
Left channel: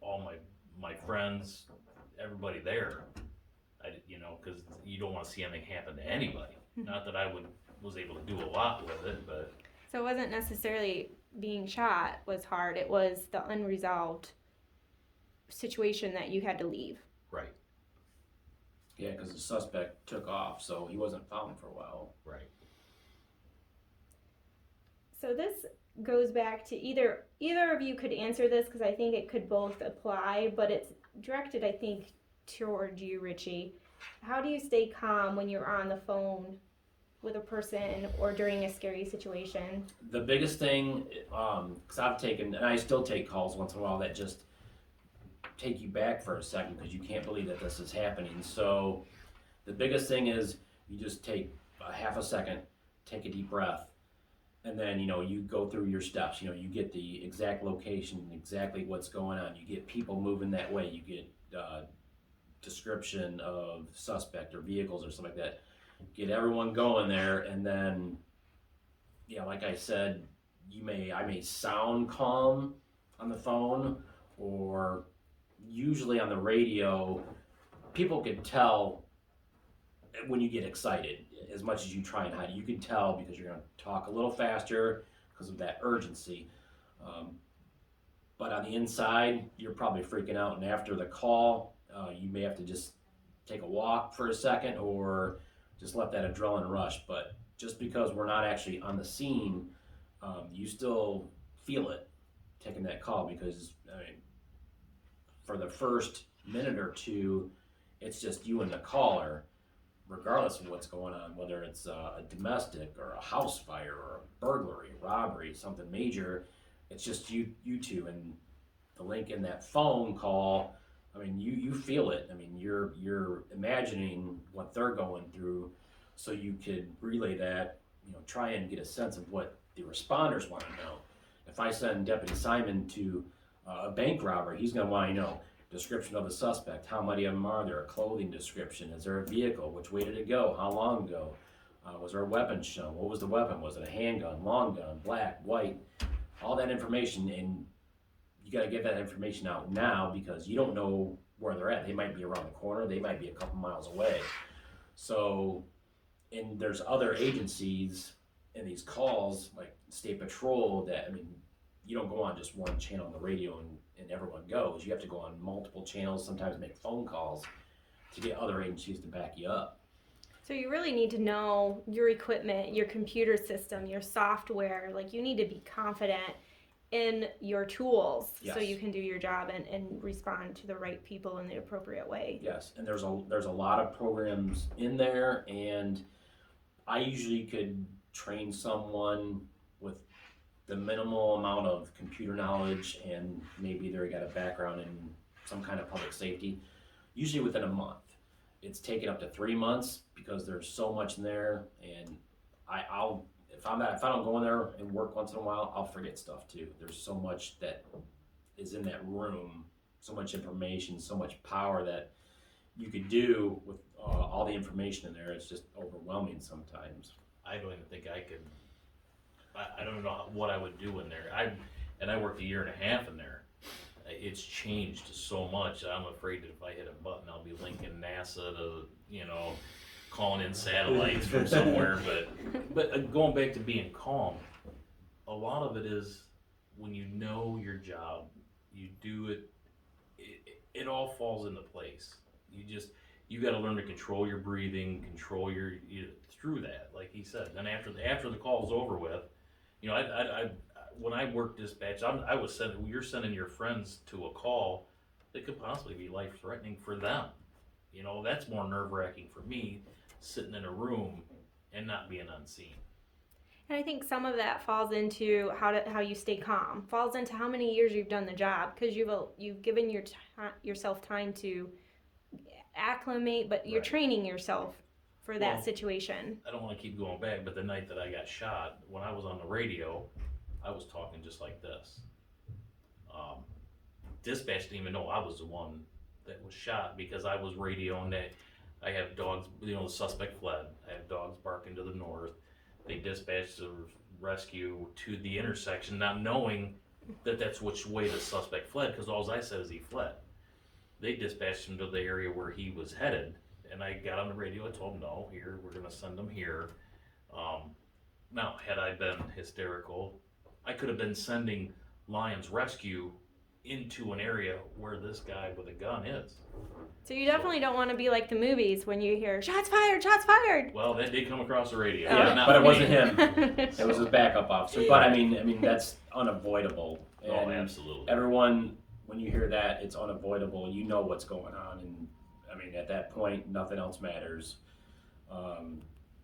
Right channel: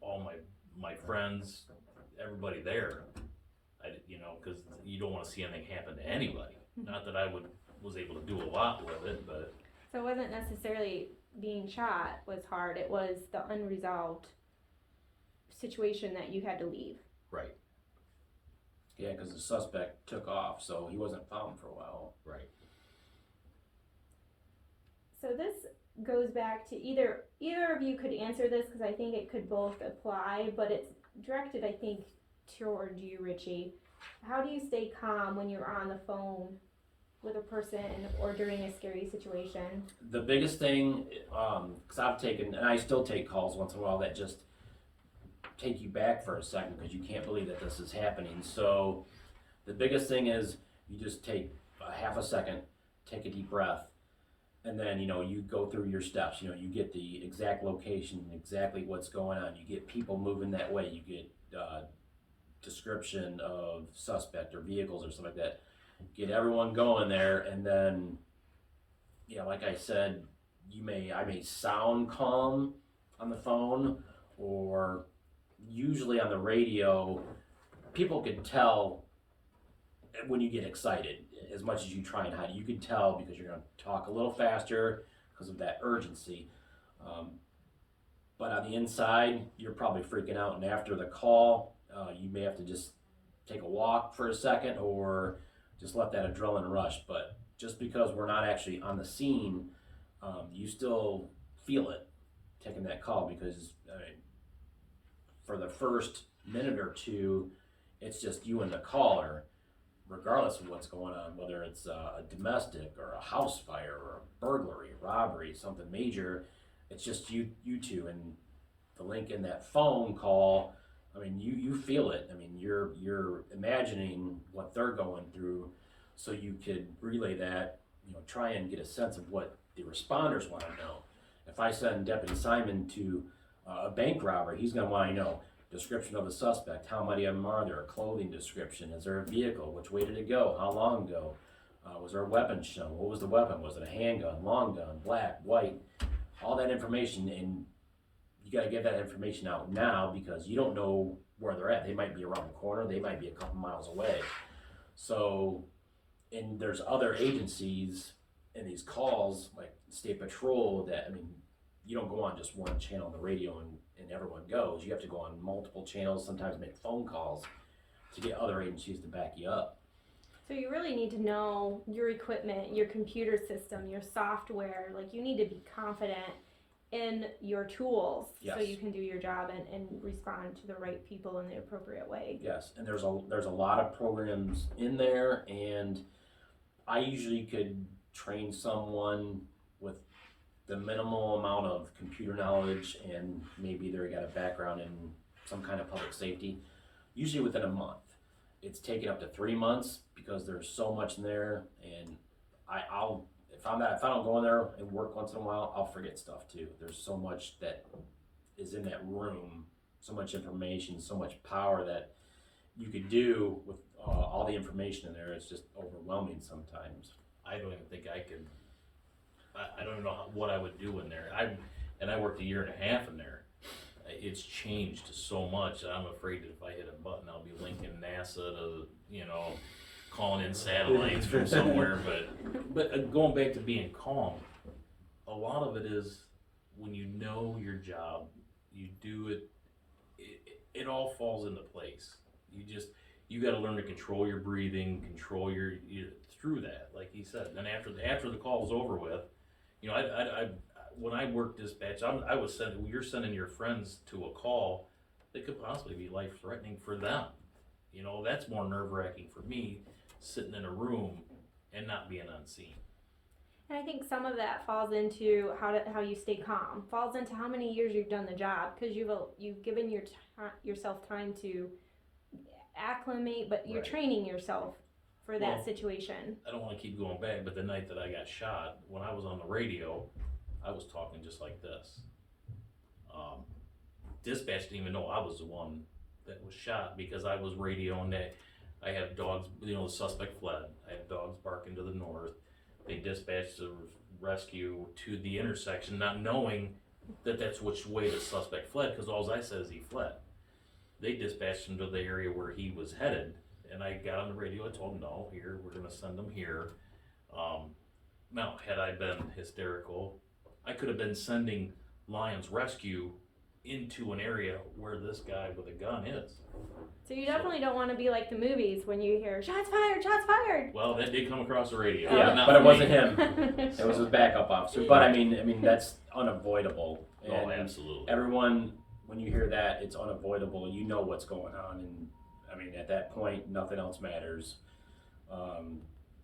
all my friends, everybody there. Because you don't want to see anything happen to anybody. Not that I was able to do a lot with it, but. So it wasn't necessarily being shot was hard, it was the unresolved situation that you had to leave. Right. Yeah, because the suspect took off, so he wasn't found for a while. Right. So this goes back to either of you could answer this because I think it could both apply, but it's directed, I think, toward you, Richie. How do you stay calm when you're on the phone with a person or during a scary situation? The biggest thing, because I've taken, and I still take calls once in a while that just take you back for a second because you can't believe that this is happening. So the biggest thing is you just take a half a second, take a deep breath, and then you go through your steps. You get the exact location, exactly what's going on. You get people moving that way. You get description of suspect or vehicles or something like that. Get everyone going there, and then like I said, I may sound calm on the phone, or usually on the radio, people can tell when you get excited. As much as you try and hide it, you can tell because you're going to talk a little faster because of that urgency. But on the inside, you're probably freaking out, and after the call, you may have to just take a walk for a second or just let that adrenaline rush. But just because we're not actually on the scene, you still feel it taking that call, because for the first minute or two, it's just you and the caller, regardless of what's going on, whether it's a domestic or a house fire or a burglary, robbery, something major. It's just you two, and the link in that phone call. You feel it. You're imagining what they're going through, so you could relay that. Try and get a sense of what the responders want to know. If I send Deputy Simon to a bank robbery, he's going to want to know description of the suspect. How many of them are there? A clothing description. Is there a vehicle? Which way did it go? How long ago? Was there a weapon shown? What was the weapon? Was it a handgun, long gun, black, white? All that information, and you got to get that information out now because you don't know where they're at. They might be around the corner. They might be a couple miles away. So, and there's other agencies in these calls, like State Patrol, that, you don't go on just one channel on the radio and everyone goes. You have to go on multiple channels, sometimes make phone calls to get other agencies to back you up. So you really need to know your equipment, your computer system, your software. Like, you need to be confident in your tools. Yes. So you can do your job and respond to the right people in the appropriate way. Yes, and there's a lot of programs in there, and I usually could train someone with the minimal amount of computer knowledge, and maybe they got a background in some kind of public safety, usually within a month. It's taken up to 3 months because there's so much in there, and if I don't go in there and work once in a while, I'll forget stuff too. There's so much that is in that room, so much information, so much power that you could do with all the information in there is just overwhelming sometimes. I don't even think I could, I don't even know what I would do in there. I worked 1.5 years in there. It's changed so much. I'm afraid that if I hit a button, I'll be linking NASA to, calling in satellites from somewhere. But going back to being calm, a lot of it is when you know your job, you do it, it all falls into place. You got to learn to control your breathing, control through that, like he said. Then after the call's over with, I when I worked dispatch, you're sending your friends to a call that could possibly be life threatening for them. That's more nerve wracking for me, sitting in a room and not being unseen. And I think some of that falls into how you stay calm, falls into how many years you've done the job, because you've given yourself time to acclimate, but you're Right. training yourself for that Well, situation. I don't want to keep going back, but the night that I got shot, when I was on the radio, I was talking just like this. Dispatch didn't even know I was the one that was shot because I was radioing that I have dogs, the suspect fled. I have dogs barking to the north. They dispatched the rescue to the intersection, not knowing that that's which way the suspect fled, because all I said is he fled. They dispatched him to the area where he was headed, and I got on the radio. I told him, no, here, we're going to send him here. Now, had I been hysterical, I could have been sending Lions Rescue into an area where this guy with a gun is. So you definitely don't want to be like the movies when you hear shots fired, shots fired. Well, that did come across the radio. Yeah, not but for it wasn't me. him. It was his backup officer. But I mean that's unavoidable. And Oh, absolutely. everyone, when you hear that, it's unavoidable. You know what's going on, and I mean at that point, nothing else matters.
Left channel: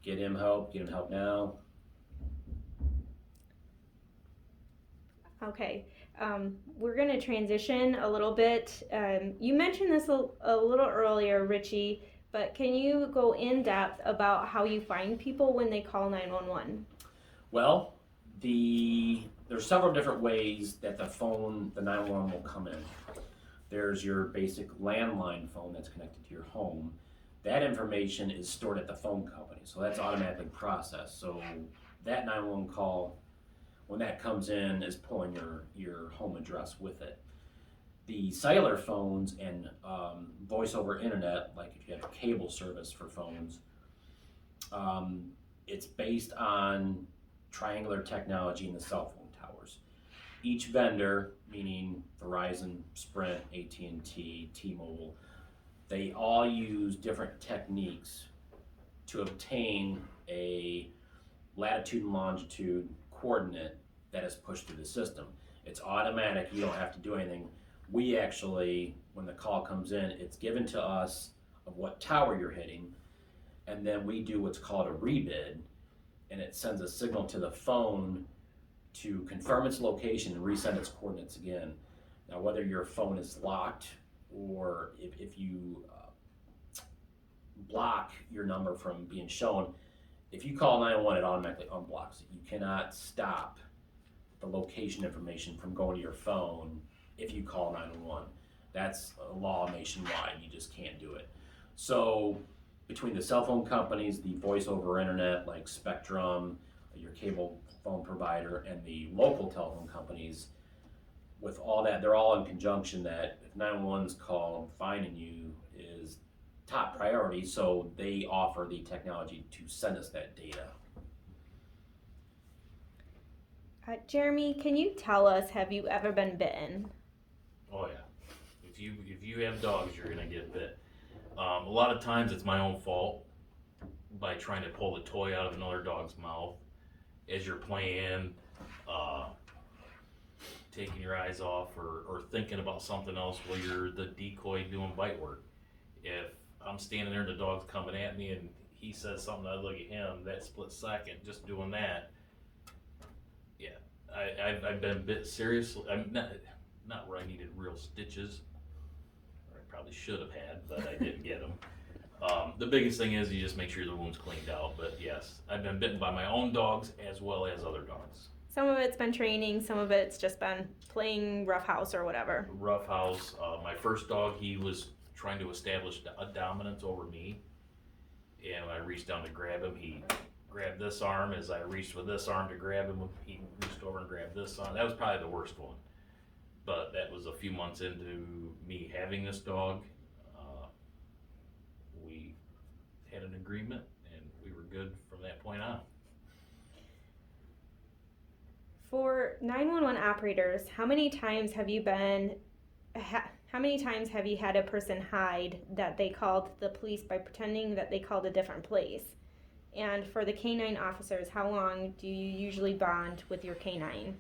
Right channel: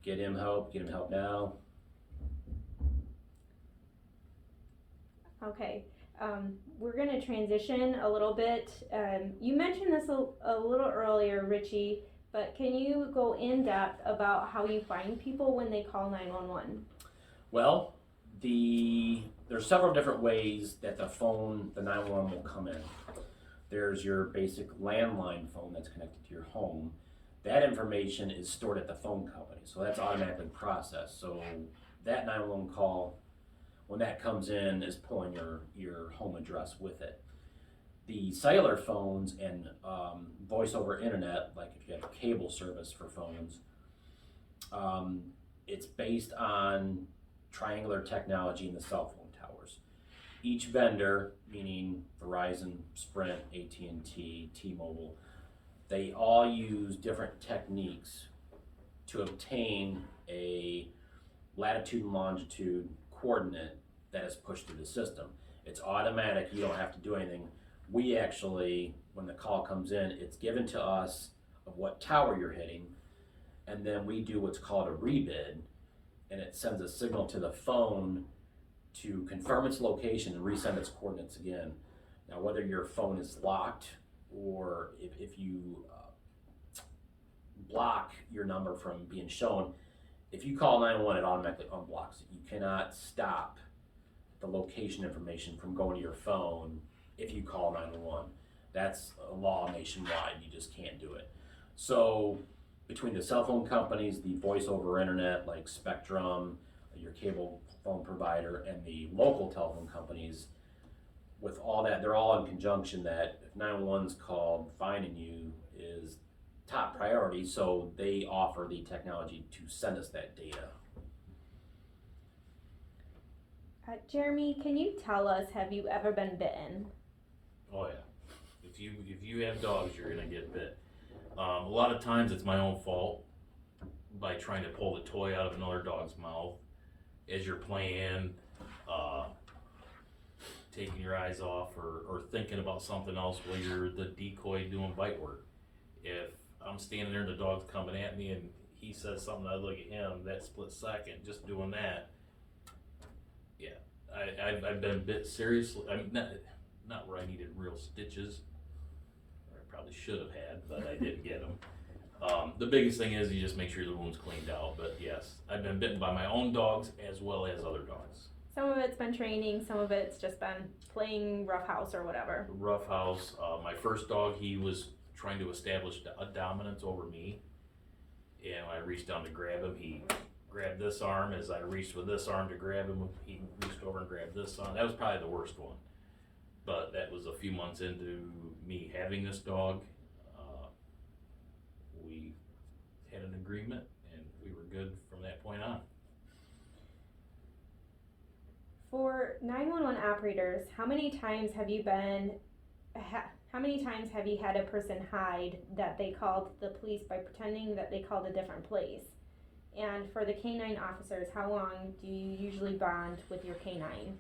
Get him help now. Okay, we're going to transition a little bit. You mentioned this a little earlier, Richie, but can you go in depth about how you find people when they call 911? Well, there's several different ways that the 911 will come in. There's your basic landline phone that's connected to your home. That information is stored at the phone company, so that's automatically processed. So that 911 call, when that comes in, is pulling your home address with it. The cellular phones and voice over internet, like if you have cable service for phones, it's based on triangular technology in the cell phone towers. Each vendor, meaning Verizon, Sprint, AT&T, T-Mobile, they all use different techniques to obtain a latitude and longitude coordinate that is pushed through the system. It's automatic, you don't have to do anything. We actually, when the call comes in, it's given to us of what tower you're hitting, and then we do what's called a rebid, and it sends a signal to the phone to confirm its location and resend its coordinates again. Now, whether your phone is locked or if you block your number from being shown, if you call 911, it automatically unblocks it. You cannot stop the location information from going to your phone if you call 911. That's a law nationwide. You just can't do it. So between the cell phone companies, the voice over internet like Spectrum, your cable phone provider, and the local telephone companies, with all that, they're all in conjunction that if 911's called, finding you is top priority, so they offer the technology to send us that data. Jeremy, can you tell us, have you ever been bitten? Oh yeah. If you have dogs, you're gonna get bit. A lot of times it's my own fault by trying to pull the toy out of another dog's mouth as you're playing, taking your eyes off or thinking about something else while you're the decoy doing bite work. If I'm standing there and the dog's coming at me and he says something, I look at him, that split second, just doing that, yeah, I've been bit seriously. I'm not where I needed real stitches, or I probably should have had, but I didn't get them. The biggest thing is you just make sure the wound's cleaned out, but yes, I've been bitten by my own dogs as well as other dogs. Some of it's been training, some of it's just been playing roughhouse or whatever. Roughhouse, my first dog, he was trying to establish a dominance over me, and when I reached down to grab him, he grabbed this arm. As I reached with this arm to grab him, he reached over and grabbed this arm. That was probably the worst one. But that was a few months into me having this dog. We had an agreement, and we were good from that point on. For 911 operators, how many times have you had a person hide that they called the police by pretending that they called a different place? And for the canine officers, how long do you usually bond with your canine?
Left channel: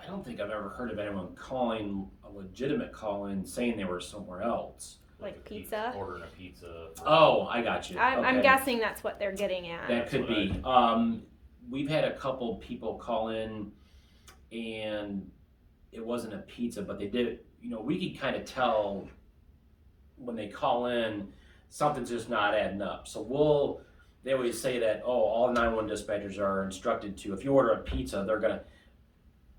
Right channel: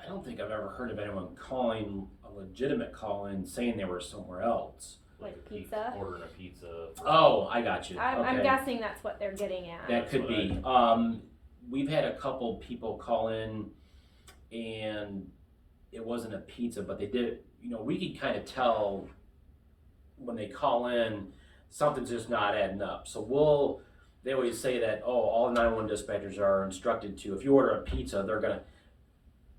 I don't think I've ever heard of anyone calling a legitimate call-in saying they were somewhere else. Like pizza? Ordering a pizza. Oh, I got you. I'm Okay. guessing that's what they're getting at. That could be. We've had a couple people call in, and it wasn't a pizza, but they did. We could kind of tell when they call in, something's just not adding up. So they always say that, all 911 dispatchers are instructed to, if you order a pizza,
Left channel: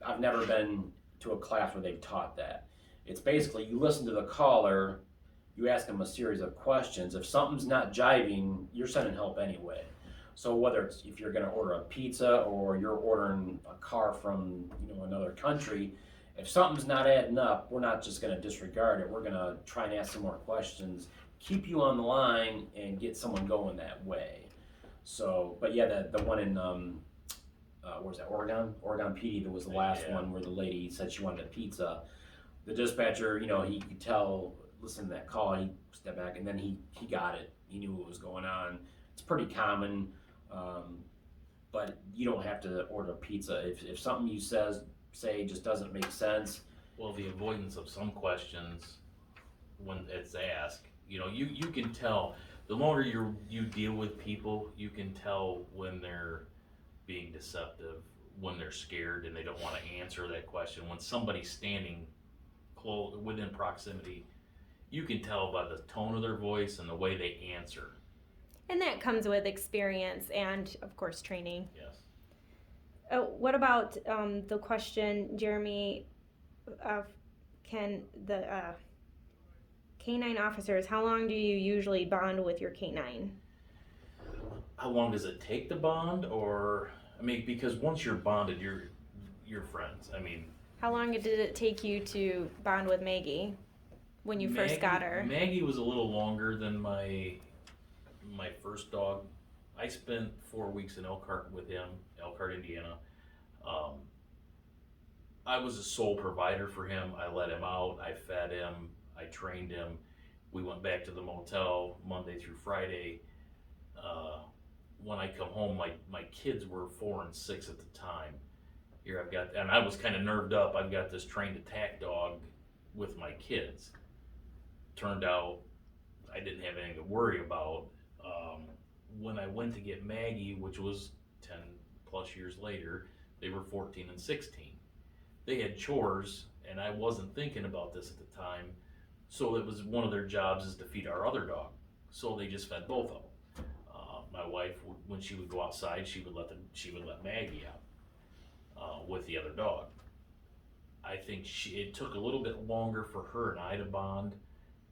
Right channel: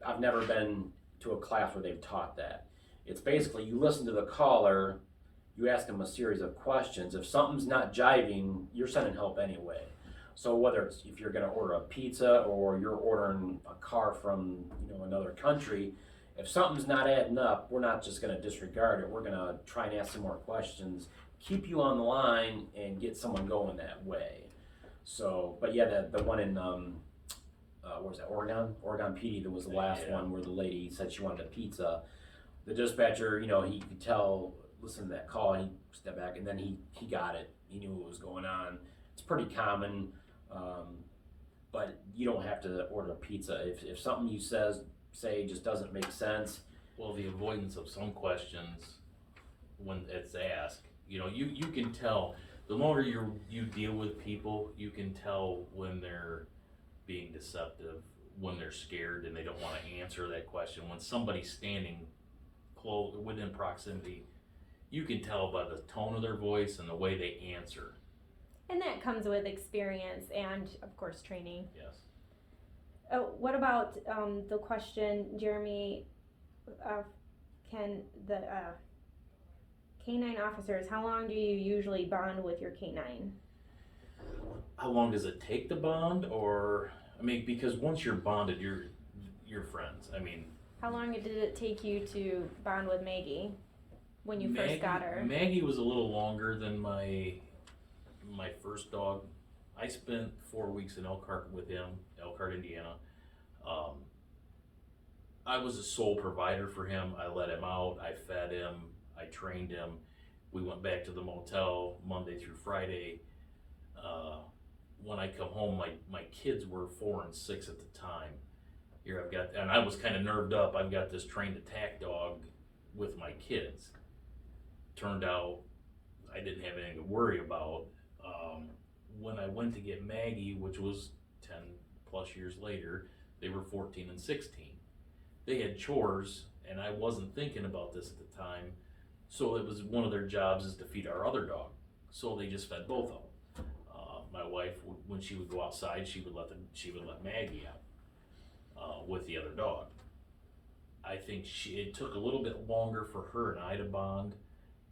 I've never been to a class where they've taught that. It's basically, you listen to the caller, you ask them a series of questions. If something's not jiving, you're sending help anyway. So whether it's if you're gonna order a pizza or you're ordering a car from another country, if something's not adding up, we're not just gonna disregard it. We're gonna try and ask some more questions, keep you on the line, and get someone going that way. So, but yeah, the one in what was that, Oregon PD, that was the last one where the lady said she wanted a pizza. The dispatcher, he could tell, listen to that call, he stepped back, and then he got it. He knew what was going on. It's pretty common, but you don't have to order a pizza. If something you say just doesn't make sense. Well, the avoidance of some questions when it's asked, you can tell, the longer you deal with people, you can tell when they're being deceptive, when they're scared and they don't want to answer that question. When somebody's standing close within proximity, you can tell by the tone of their voice and the way they answer. And that comes with experience and, of course, training. Yes. What about the question, Jeremy, can the canine officers, how long do you usually bond with your canine? How long does it take to bond? Because once you're bonded, you're friends. How long did it take you to bond with Maggie when you first got her? Maggie was a little longer than my first dog. I spent 4 weeks in Elkhart with him, Elkhart, Indiana. I was a sole provider for him. I let him out, I fed him, I trained him. We went back to the motel Monday through Friday. When I come home, my kids were 4 and 6 at the time. And I was kind of nerved up. I've got this trained attack dog with my kids. Turned out I didn't have anything to worry about. When I went to get Maggie, which was 10 plus years later, they were 14 and 16. They had chores, and I wasn't thinking about this at the time. So it was one of their jobs is to feed our other dog. So they just fed both of them. My wife, when she would go outside, she would let Maggie out with the other dog. I think it took a little bit longer for her and I to bond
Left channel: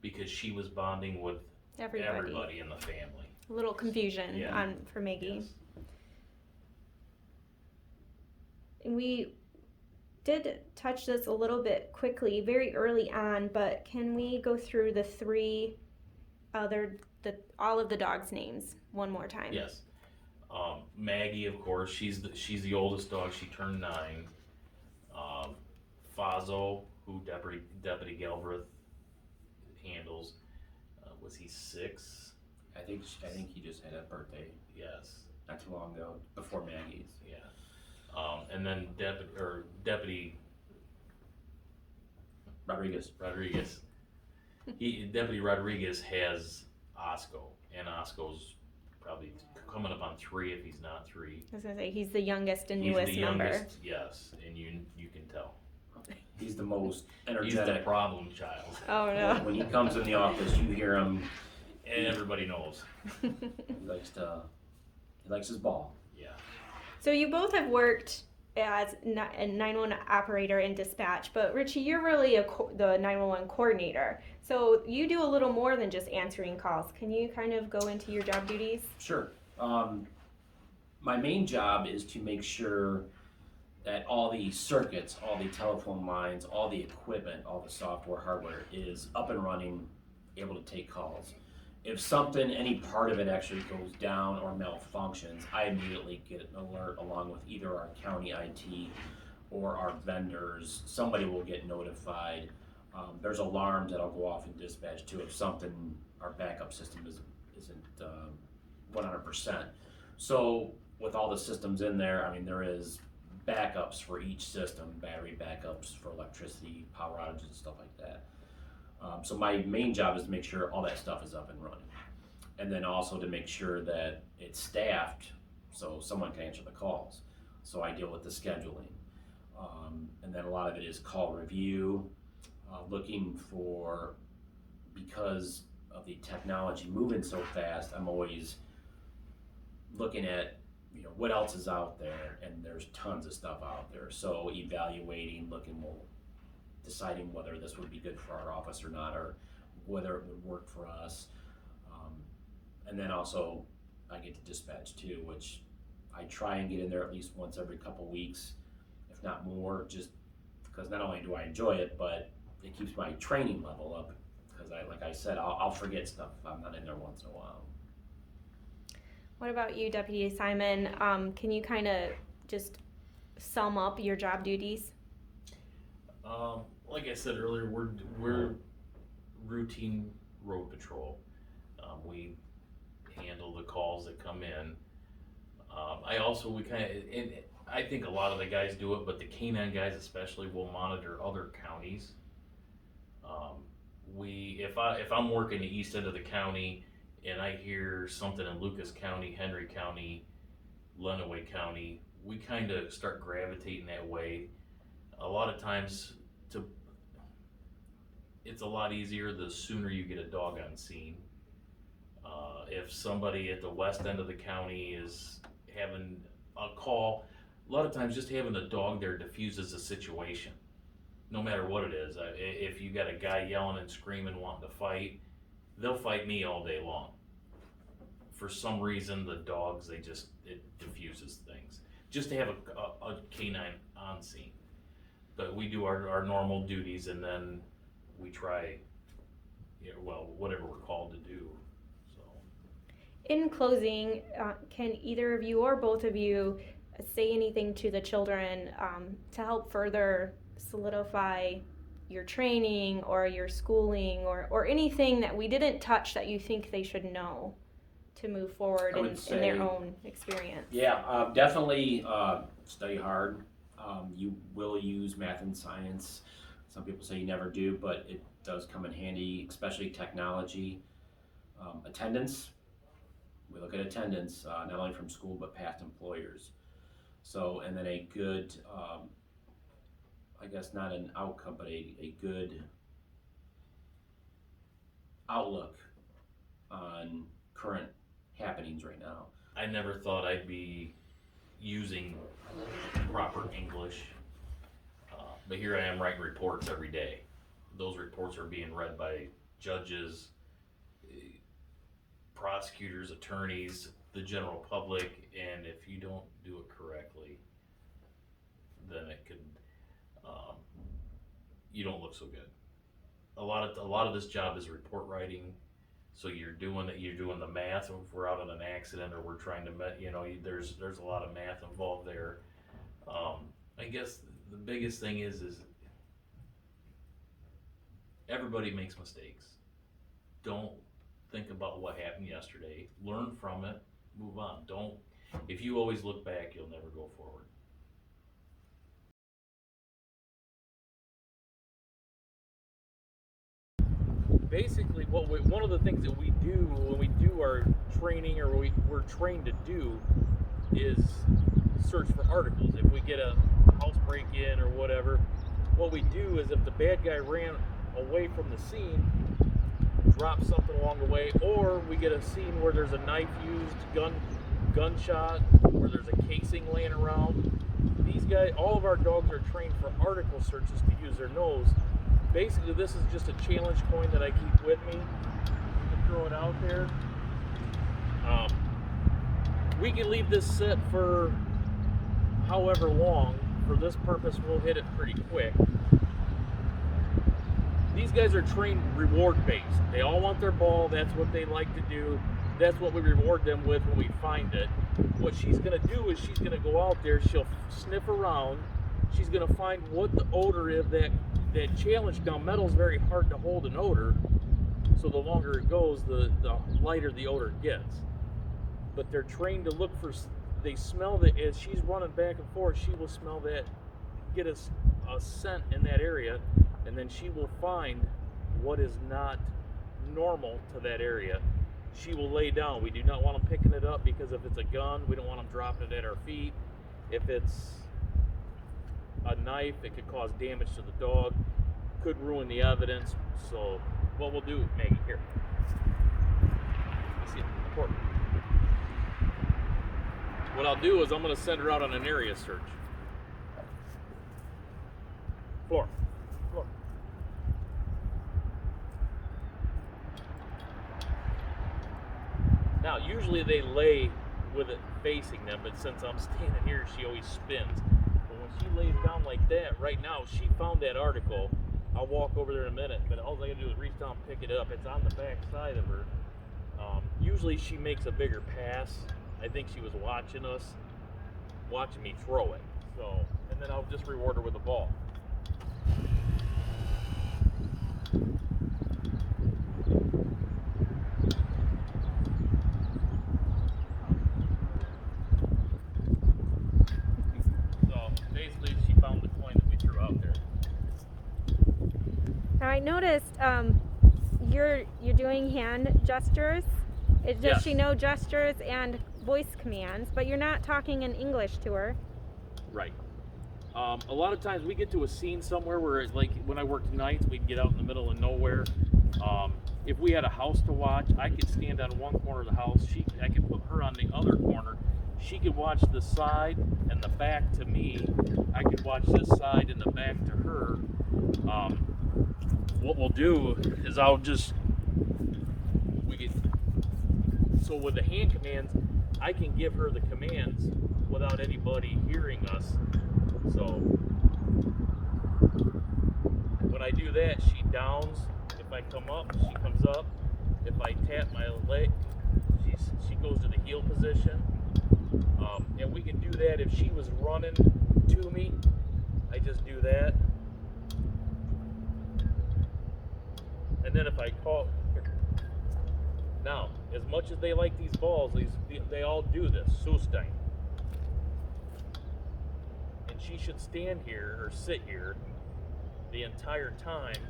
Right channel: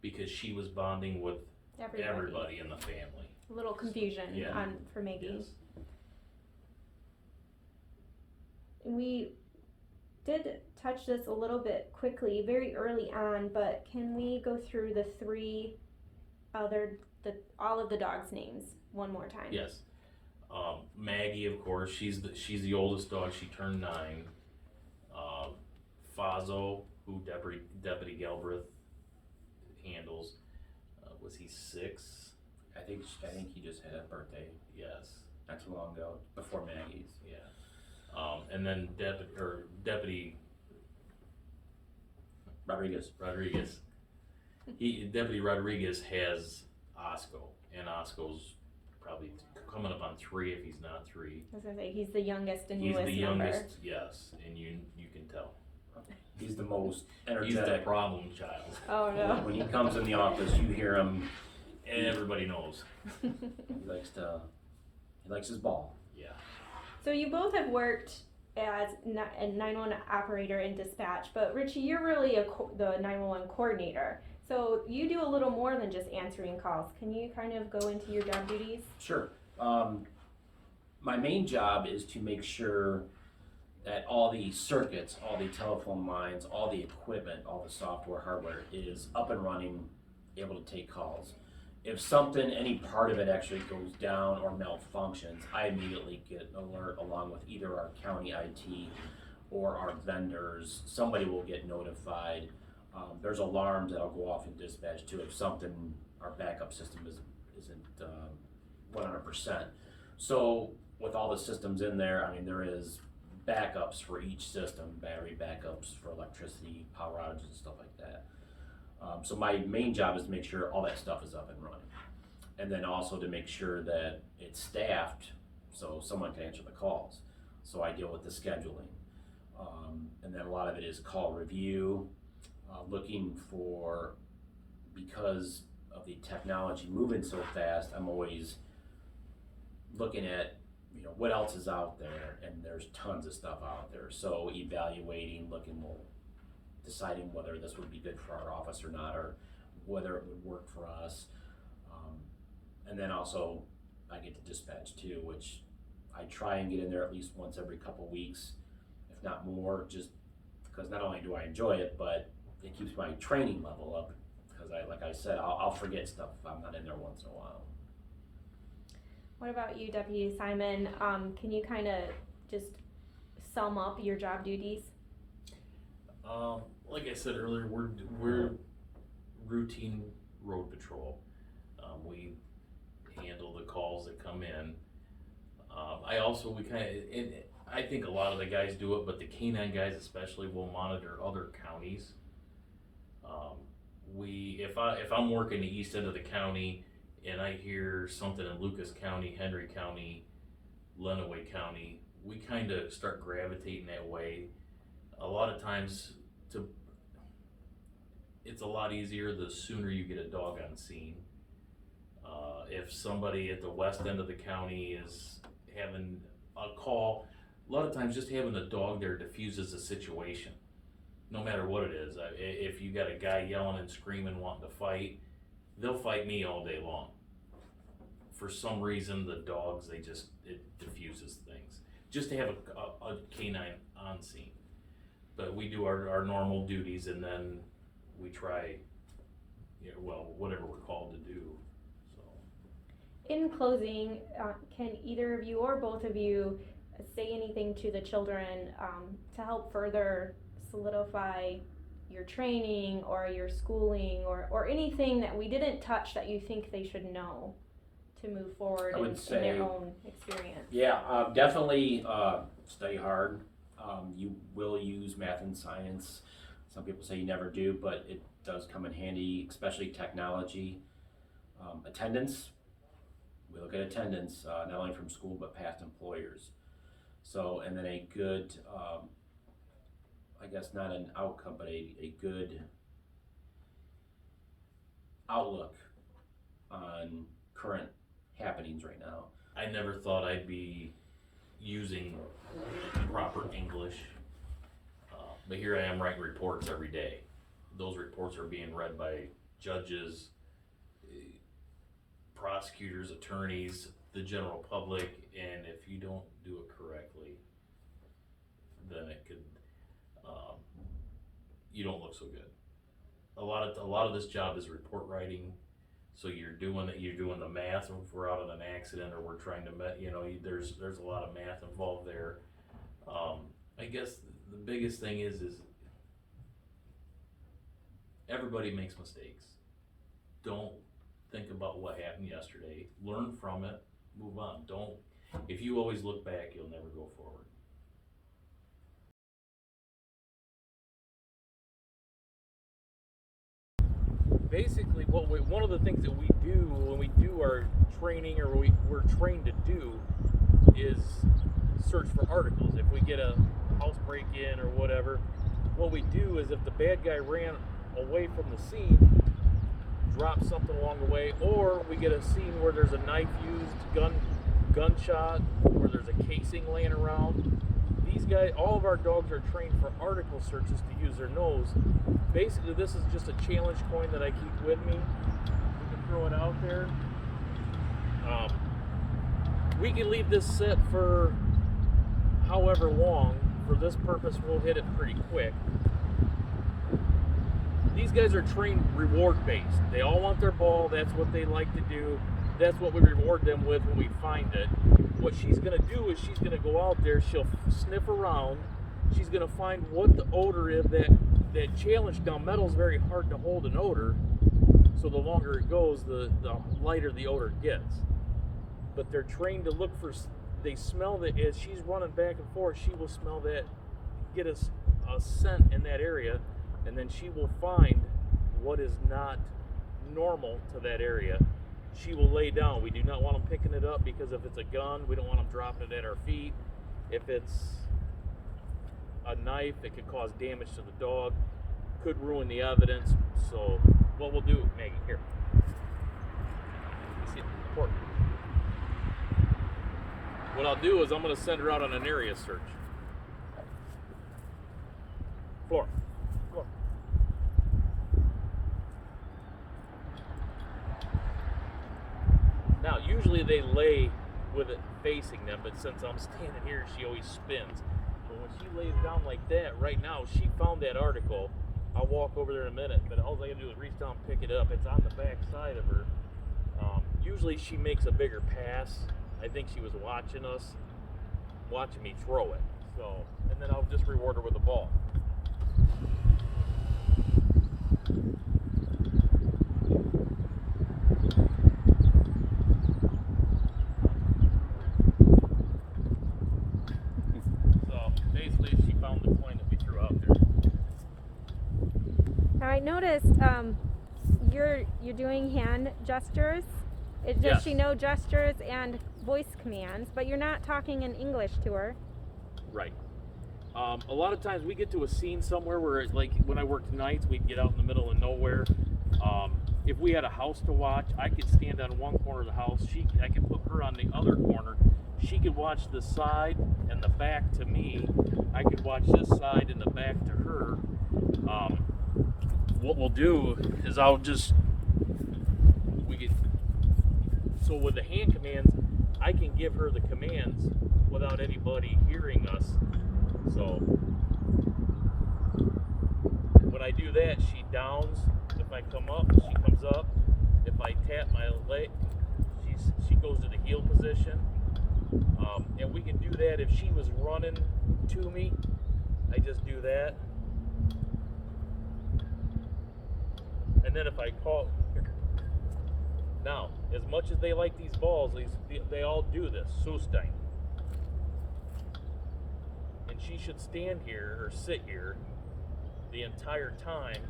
because she was bonding with everybody in the family. A little confusion for Maggie. Yes. And we did touch this a little bit quickly, very early on, but can we go through all of the dogs' names one more time? Yes. Maggie, of course, she's the oldest dog. She turned 9. Fazo, who Deputy Galbraith handles, was he 6? I think he just had a birthday. Yes. Not too long ago, before Maggie's. Yeah. And then Deputy Rodriguez. Deputy Rodriguez has Osco, and Osco's probably coming up on 3 if he's not 3. I was gonna say he's the youngest and He's newest the member. youngest, yes, and you can tell. He's the most He's energetic. the problem child. Oh no. When he comes in the office, you hear him. Everybody knows. He likes his ball. Yeah. So you both have worked as a 911 operator in dispatch, but Richie, you're really the 911 coordinator. So you do a little more than just answering calls. Can you kind of go into your job duties? Sure. My main job is to make sure that all the circuits, all the telephone lines, all the equipment, all the software, hardware is up and running, able to take calls. If something, any part of it actually goes down or malfunctions, I immediately get an alert along with either our county IT or our vendors. Somebody will get notified. There's alarms that'll go off in dispatch too if something, our backup system isn't 100%. So with all the systems in there, I mean, there is backups for each system, battery backups for electricity, power outages, and stuff like that. So my main job is to make sure all that stuff is up and running. And then also to make sure that it's staffed so someone can answer the calls. So I deal with the scheduling. And then a lot of it is call review, looking for, because of the technology moving so fast, I'm always looking at, you know, what else is out there, and there's tons of stuff out there. So evaluating, looking, well, deciding whether this would be good for our office or not, or whether it would work for us. And then also I get to dispatch too, which I try and get in there at least once every couple weeks, if not more, just because not only do I enjoy it, but it keeps my training level up. Because like I said, I'll forget stuff if I'm not in there once in a while. What about you, Deputy Simon? Can you kind of just sum up your job duties? Like I said earlier, we're routine road patrol. We handle the calls that come in. I think a lot of the guys do it, but the canine guys especially will monitor other counties. If I'm working the east end of the county and I hear something in Lucas County, Henry County, Lenawee County, we kind of start gravitating that way. A lot of times, it's a lot easier the sooner you get a dog on scene. If somebody at the west end of the county is having a call, a lot of times just having a dog there diffuses the situation, no matter what it is. If you got a guy yelling and screaming wanting to fight, they'll fight me all day long. For some reason, the dogs, it diffuses things. Just to have a canine on scene. But we do our normal duties, and then we try, whatever we're called to do. So. In closing, can either of you or both of you say anything to the children to help further solidify your training or your schooling or anything that we didn't touch that you think they should know to move forward in their own experience? Yeah, definitely study hard. You will use math and science. Some people say you never do, but it does come in handy, especially technology. Attendance, we look at attendance, not only from school, but past employers. So, and then a good, I guess not an outcome, but a good outlook on current happenings right now. I never thought I'd be using proper English, but here I am writing reports every day. Those reports are being read by judges, prosecutors, attorneys, the general public, and if you don't do it correctly, then it could, you don't look so good. A lot of this job is report writing. So you're doing the math. If we're out in an accident or we're trying to, there's a lot of math involved there. I guess the biggest thing is everybody makes mistakes. Don't think about what happened yesterday. Learn from it. Move on. If you always look back, you'll never go forward. Basically, one of the things that we do when we do our training, or we're trained to do, is search for articles. If we get a house break-in or whatever, what we do is if the bad guy ran away from the scene, drop something along the way, or we get a scene where there's a knife used, gunshot, where there's a casing laying around. These guys, all of our dogs are trained for article searches to use their nose. Basically, this is just a challenge coin that I keep with me. We can throw it out there. We can leave this set for however long. For this purpose, we'll hit it pretty quick. These guys are trained reward-based. They all want their ball. That's what they like to do. That's what we reward them with when we find it. What she's going to do is she's going to go out there. She'll sniff around. She's going to find what the odor is that challenge. Now, metal's very hard to hold an odor, so the longer it goes, the lighter the odor gets. But they're trained to look for, they smell that as she's running back and forth, she will smell that, get a scent in that area, and then she will find what is not normal to that area. She will lay down. We do not want them picking it up, because if it's a gun, we don't want them dropping it at our feet. If it's a knife, it could cause damage to the dog, could ruin the evidence. So what we'll do, Maggie, here. You see it, important. What I'll do is I'm going to send her out on an area search. Floor. Now, usually they lay with it facing them, but since I'm standing here, she always spins. But when she lays down like that, right now, she found that article. I'll walk over there in a minute, but all I gotta do is reach down and pick it up. It's on the back side of her. Usually she makes a bigger pass. I think she was watching me throw it. So, and then I'll just reward her with a ball. So basically, she found the coin that we threw out there. Now I noticed you're doing hand gestures. Does Yes. she know gestures and voice commands? But you're not talking in English to her. Right. A lot of times we get to a scene somewhere where, like when I worked nights, we'd get out in the middle of nowhere. If we had a house to watch, I could stand on one corner of the house. I could put her on the other corner. She could watch the side and the back to me. I could watch this side and the back to her. What we'll do is so with the hand commands, I can give her the commands without anybody hearing us. So when I do that, she downs. If I come up, she comes up. If I tap my leg, she goes to the heel position. And we can do that if she was running to me. I just do that. And then if I call, now, as much as they like these balls, they all do this, Sustein. And she should stand here or sit here the entire time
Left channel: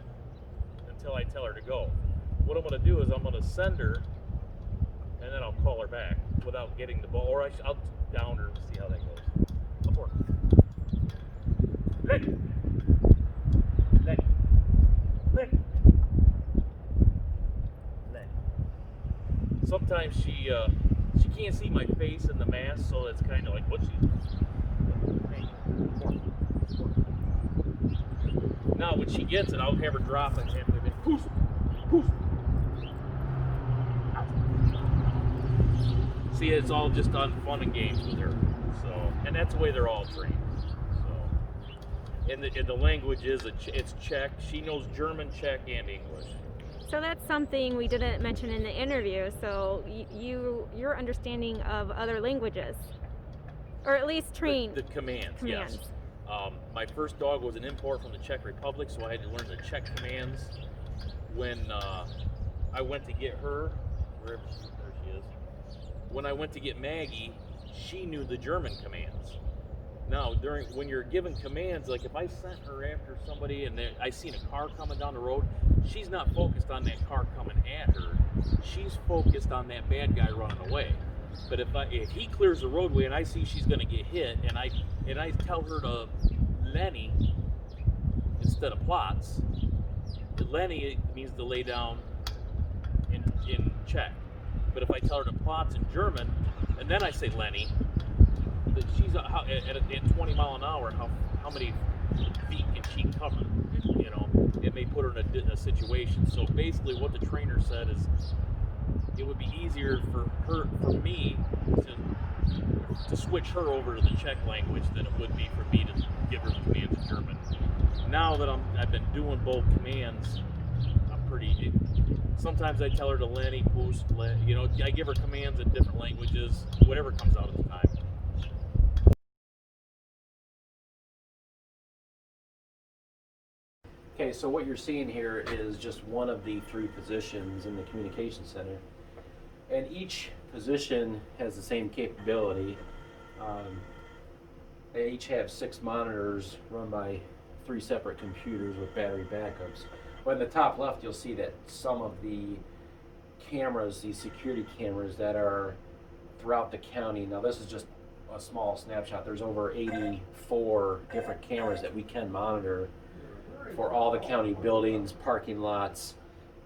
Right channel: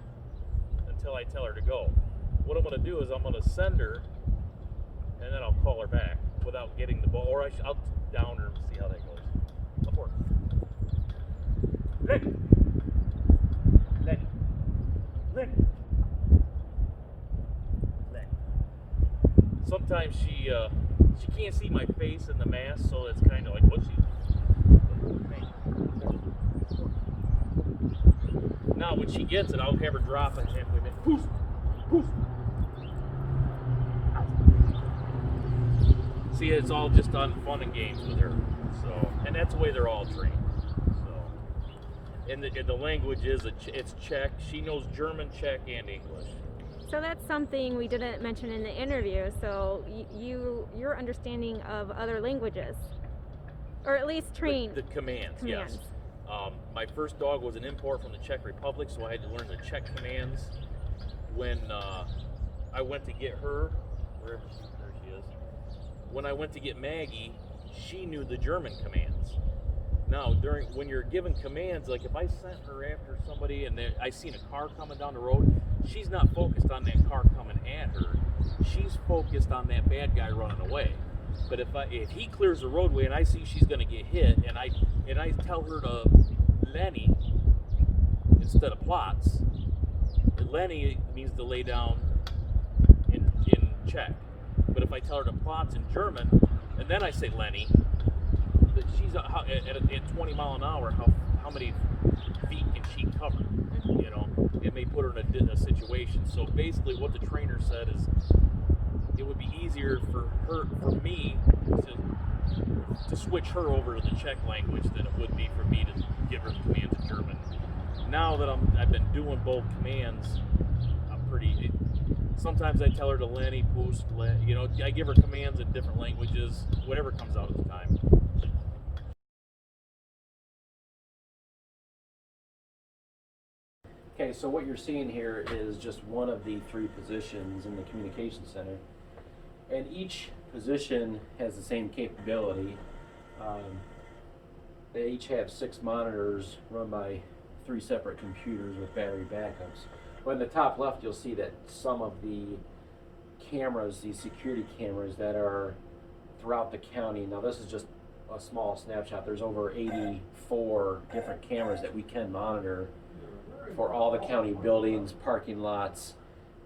until I tell her to go. What I'm going to do is I'm going to send her, and then I'll call her back without getting the ball, or I'll down her and see how that goes. Up work. Lenny. Lenny. Lenny. Lenny. Sometimes she can't see my face in the mask, so it's kind of like what she's. Hey, up work. Now when she gets it, I'll have her drop it halfway back. Poof, poof. See, it's all just on fun and games with her. So, and that's the way they're all trained. So, and the language is it's Czech. She knows German, Czech, and English. So that's something we didn't mention in the interview. So your understanding of other languages, or at least trained. The commands, yes. My first dog was an import from the Czech Republic, so I had to learn the Czech commands. When I went to get her, there she is. When I went to get Maggie, she knew the German commands. Now, when you're given commands, like if I sent her after somebody and I seen a car coming down the road, she's not focused on that car coming at her. She's focused on that bad guy running away. But if he clears the roadway and I see she's going to get hit, and I tell her to Lenny instead of Platz, Lenny means to lay down in Czech. But if I tell her to Platz in German, and then I say Lenny, that she's at 20 mile an hour, how many feet can she cover? You know, it may put her in a situation. So basically, what the trainer said is, it would be easier for me to switch her over to the Czech language than it would be for me to give her the commands in German. Now that I've been doing both commands, I'm pretty. Sometimes I tell her to Lenny, Pust, you know, I give her commands in different languages, whatever comes out at the time. Okay, so what you're seeing here is just one of the 3 positions in the communication center. And each position has the same capability. They each have 6 monitors run by 3 separate computers with battery backups. But in the top left, you'll see that some of the cameras, these security cameras that are throughout the county, now this is just a small snapshot, there's over 84 different cameras that we can monitor for all the county buildings, parking lots,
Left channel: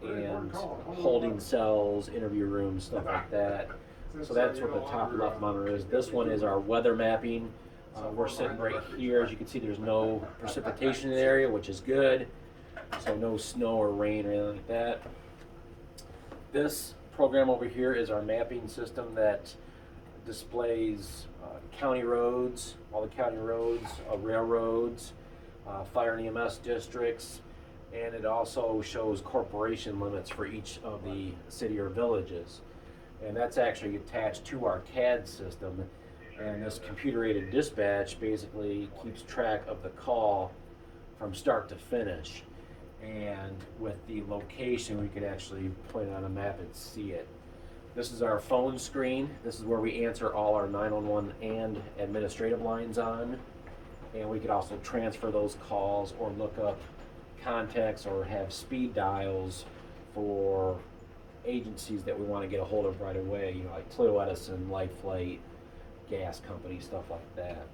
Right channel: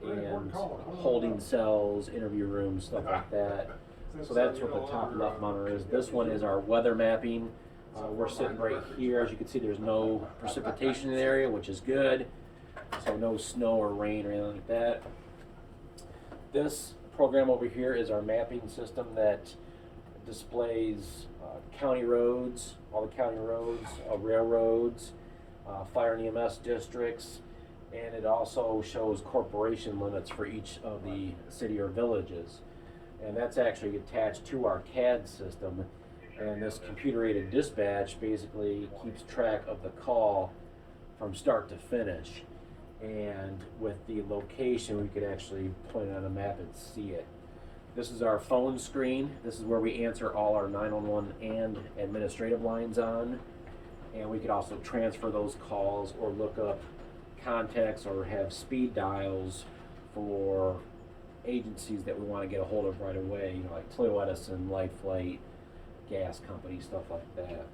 and holding cells, interview rooms, stuff like that. So that's what the top left monitor is. This one is our weather mapping. We're sitting right here. As you can see, there's no precipitation in the area, which is good. So no snow or rain or anything like that. This program over here is our mapping system that displays county roads, all the county roads, railroads, fire and EMS districts, and it also shows corporation limits for each of the city or villages. And that's actually attached to our CAD system. And this computer-aided dispatch basically keeps track of the call from start to finish. And with the location, we could actually point it on a map and see it. This is our phone screen. This is where we answer all our 911 and administrative lines on. And we could also transfer those calls or look up contacts or have speed dials for agencies that we want to get a hold of right away, you know, like Toledo Edison, Life Flight, gas company, stuff like that.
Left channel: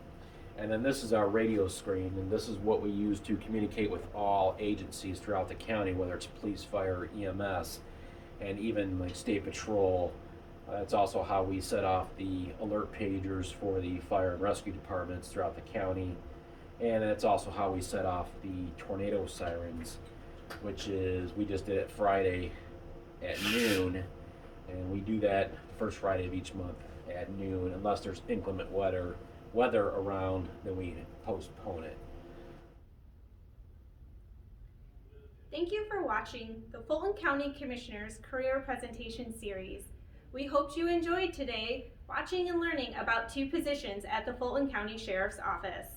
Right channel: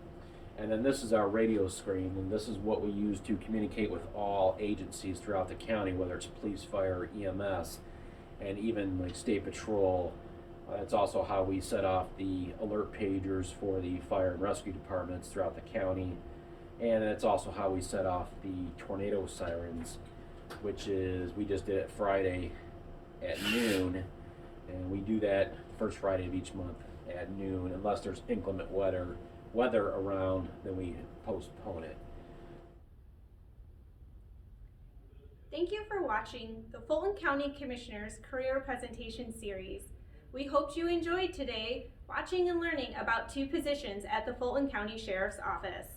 And then this is our radio screen, and this is what we use to communicate with all agencies throughout the county, whether it's police, fire, EMS, and even like state patrol. It's also how we set off the alert pagers for the fire and rescue departments throughout the county. And it's also how we set off the tornado sirens, which is, we just did it Friday at noon, and we do that first Friday of each month at noon. Unless there's inclement weather around, then we postpone it. Thank you for watching the Fulton County Commissioners Career Presentation Series. We hope you enjoyed today watching and learning about 2 positions at the Fulton County Sheriff's Office.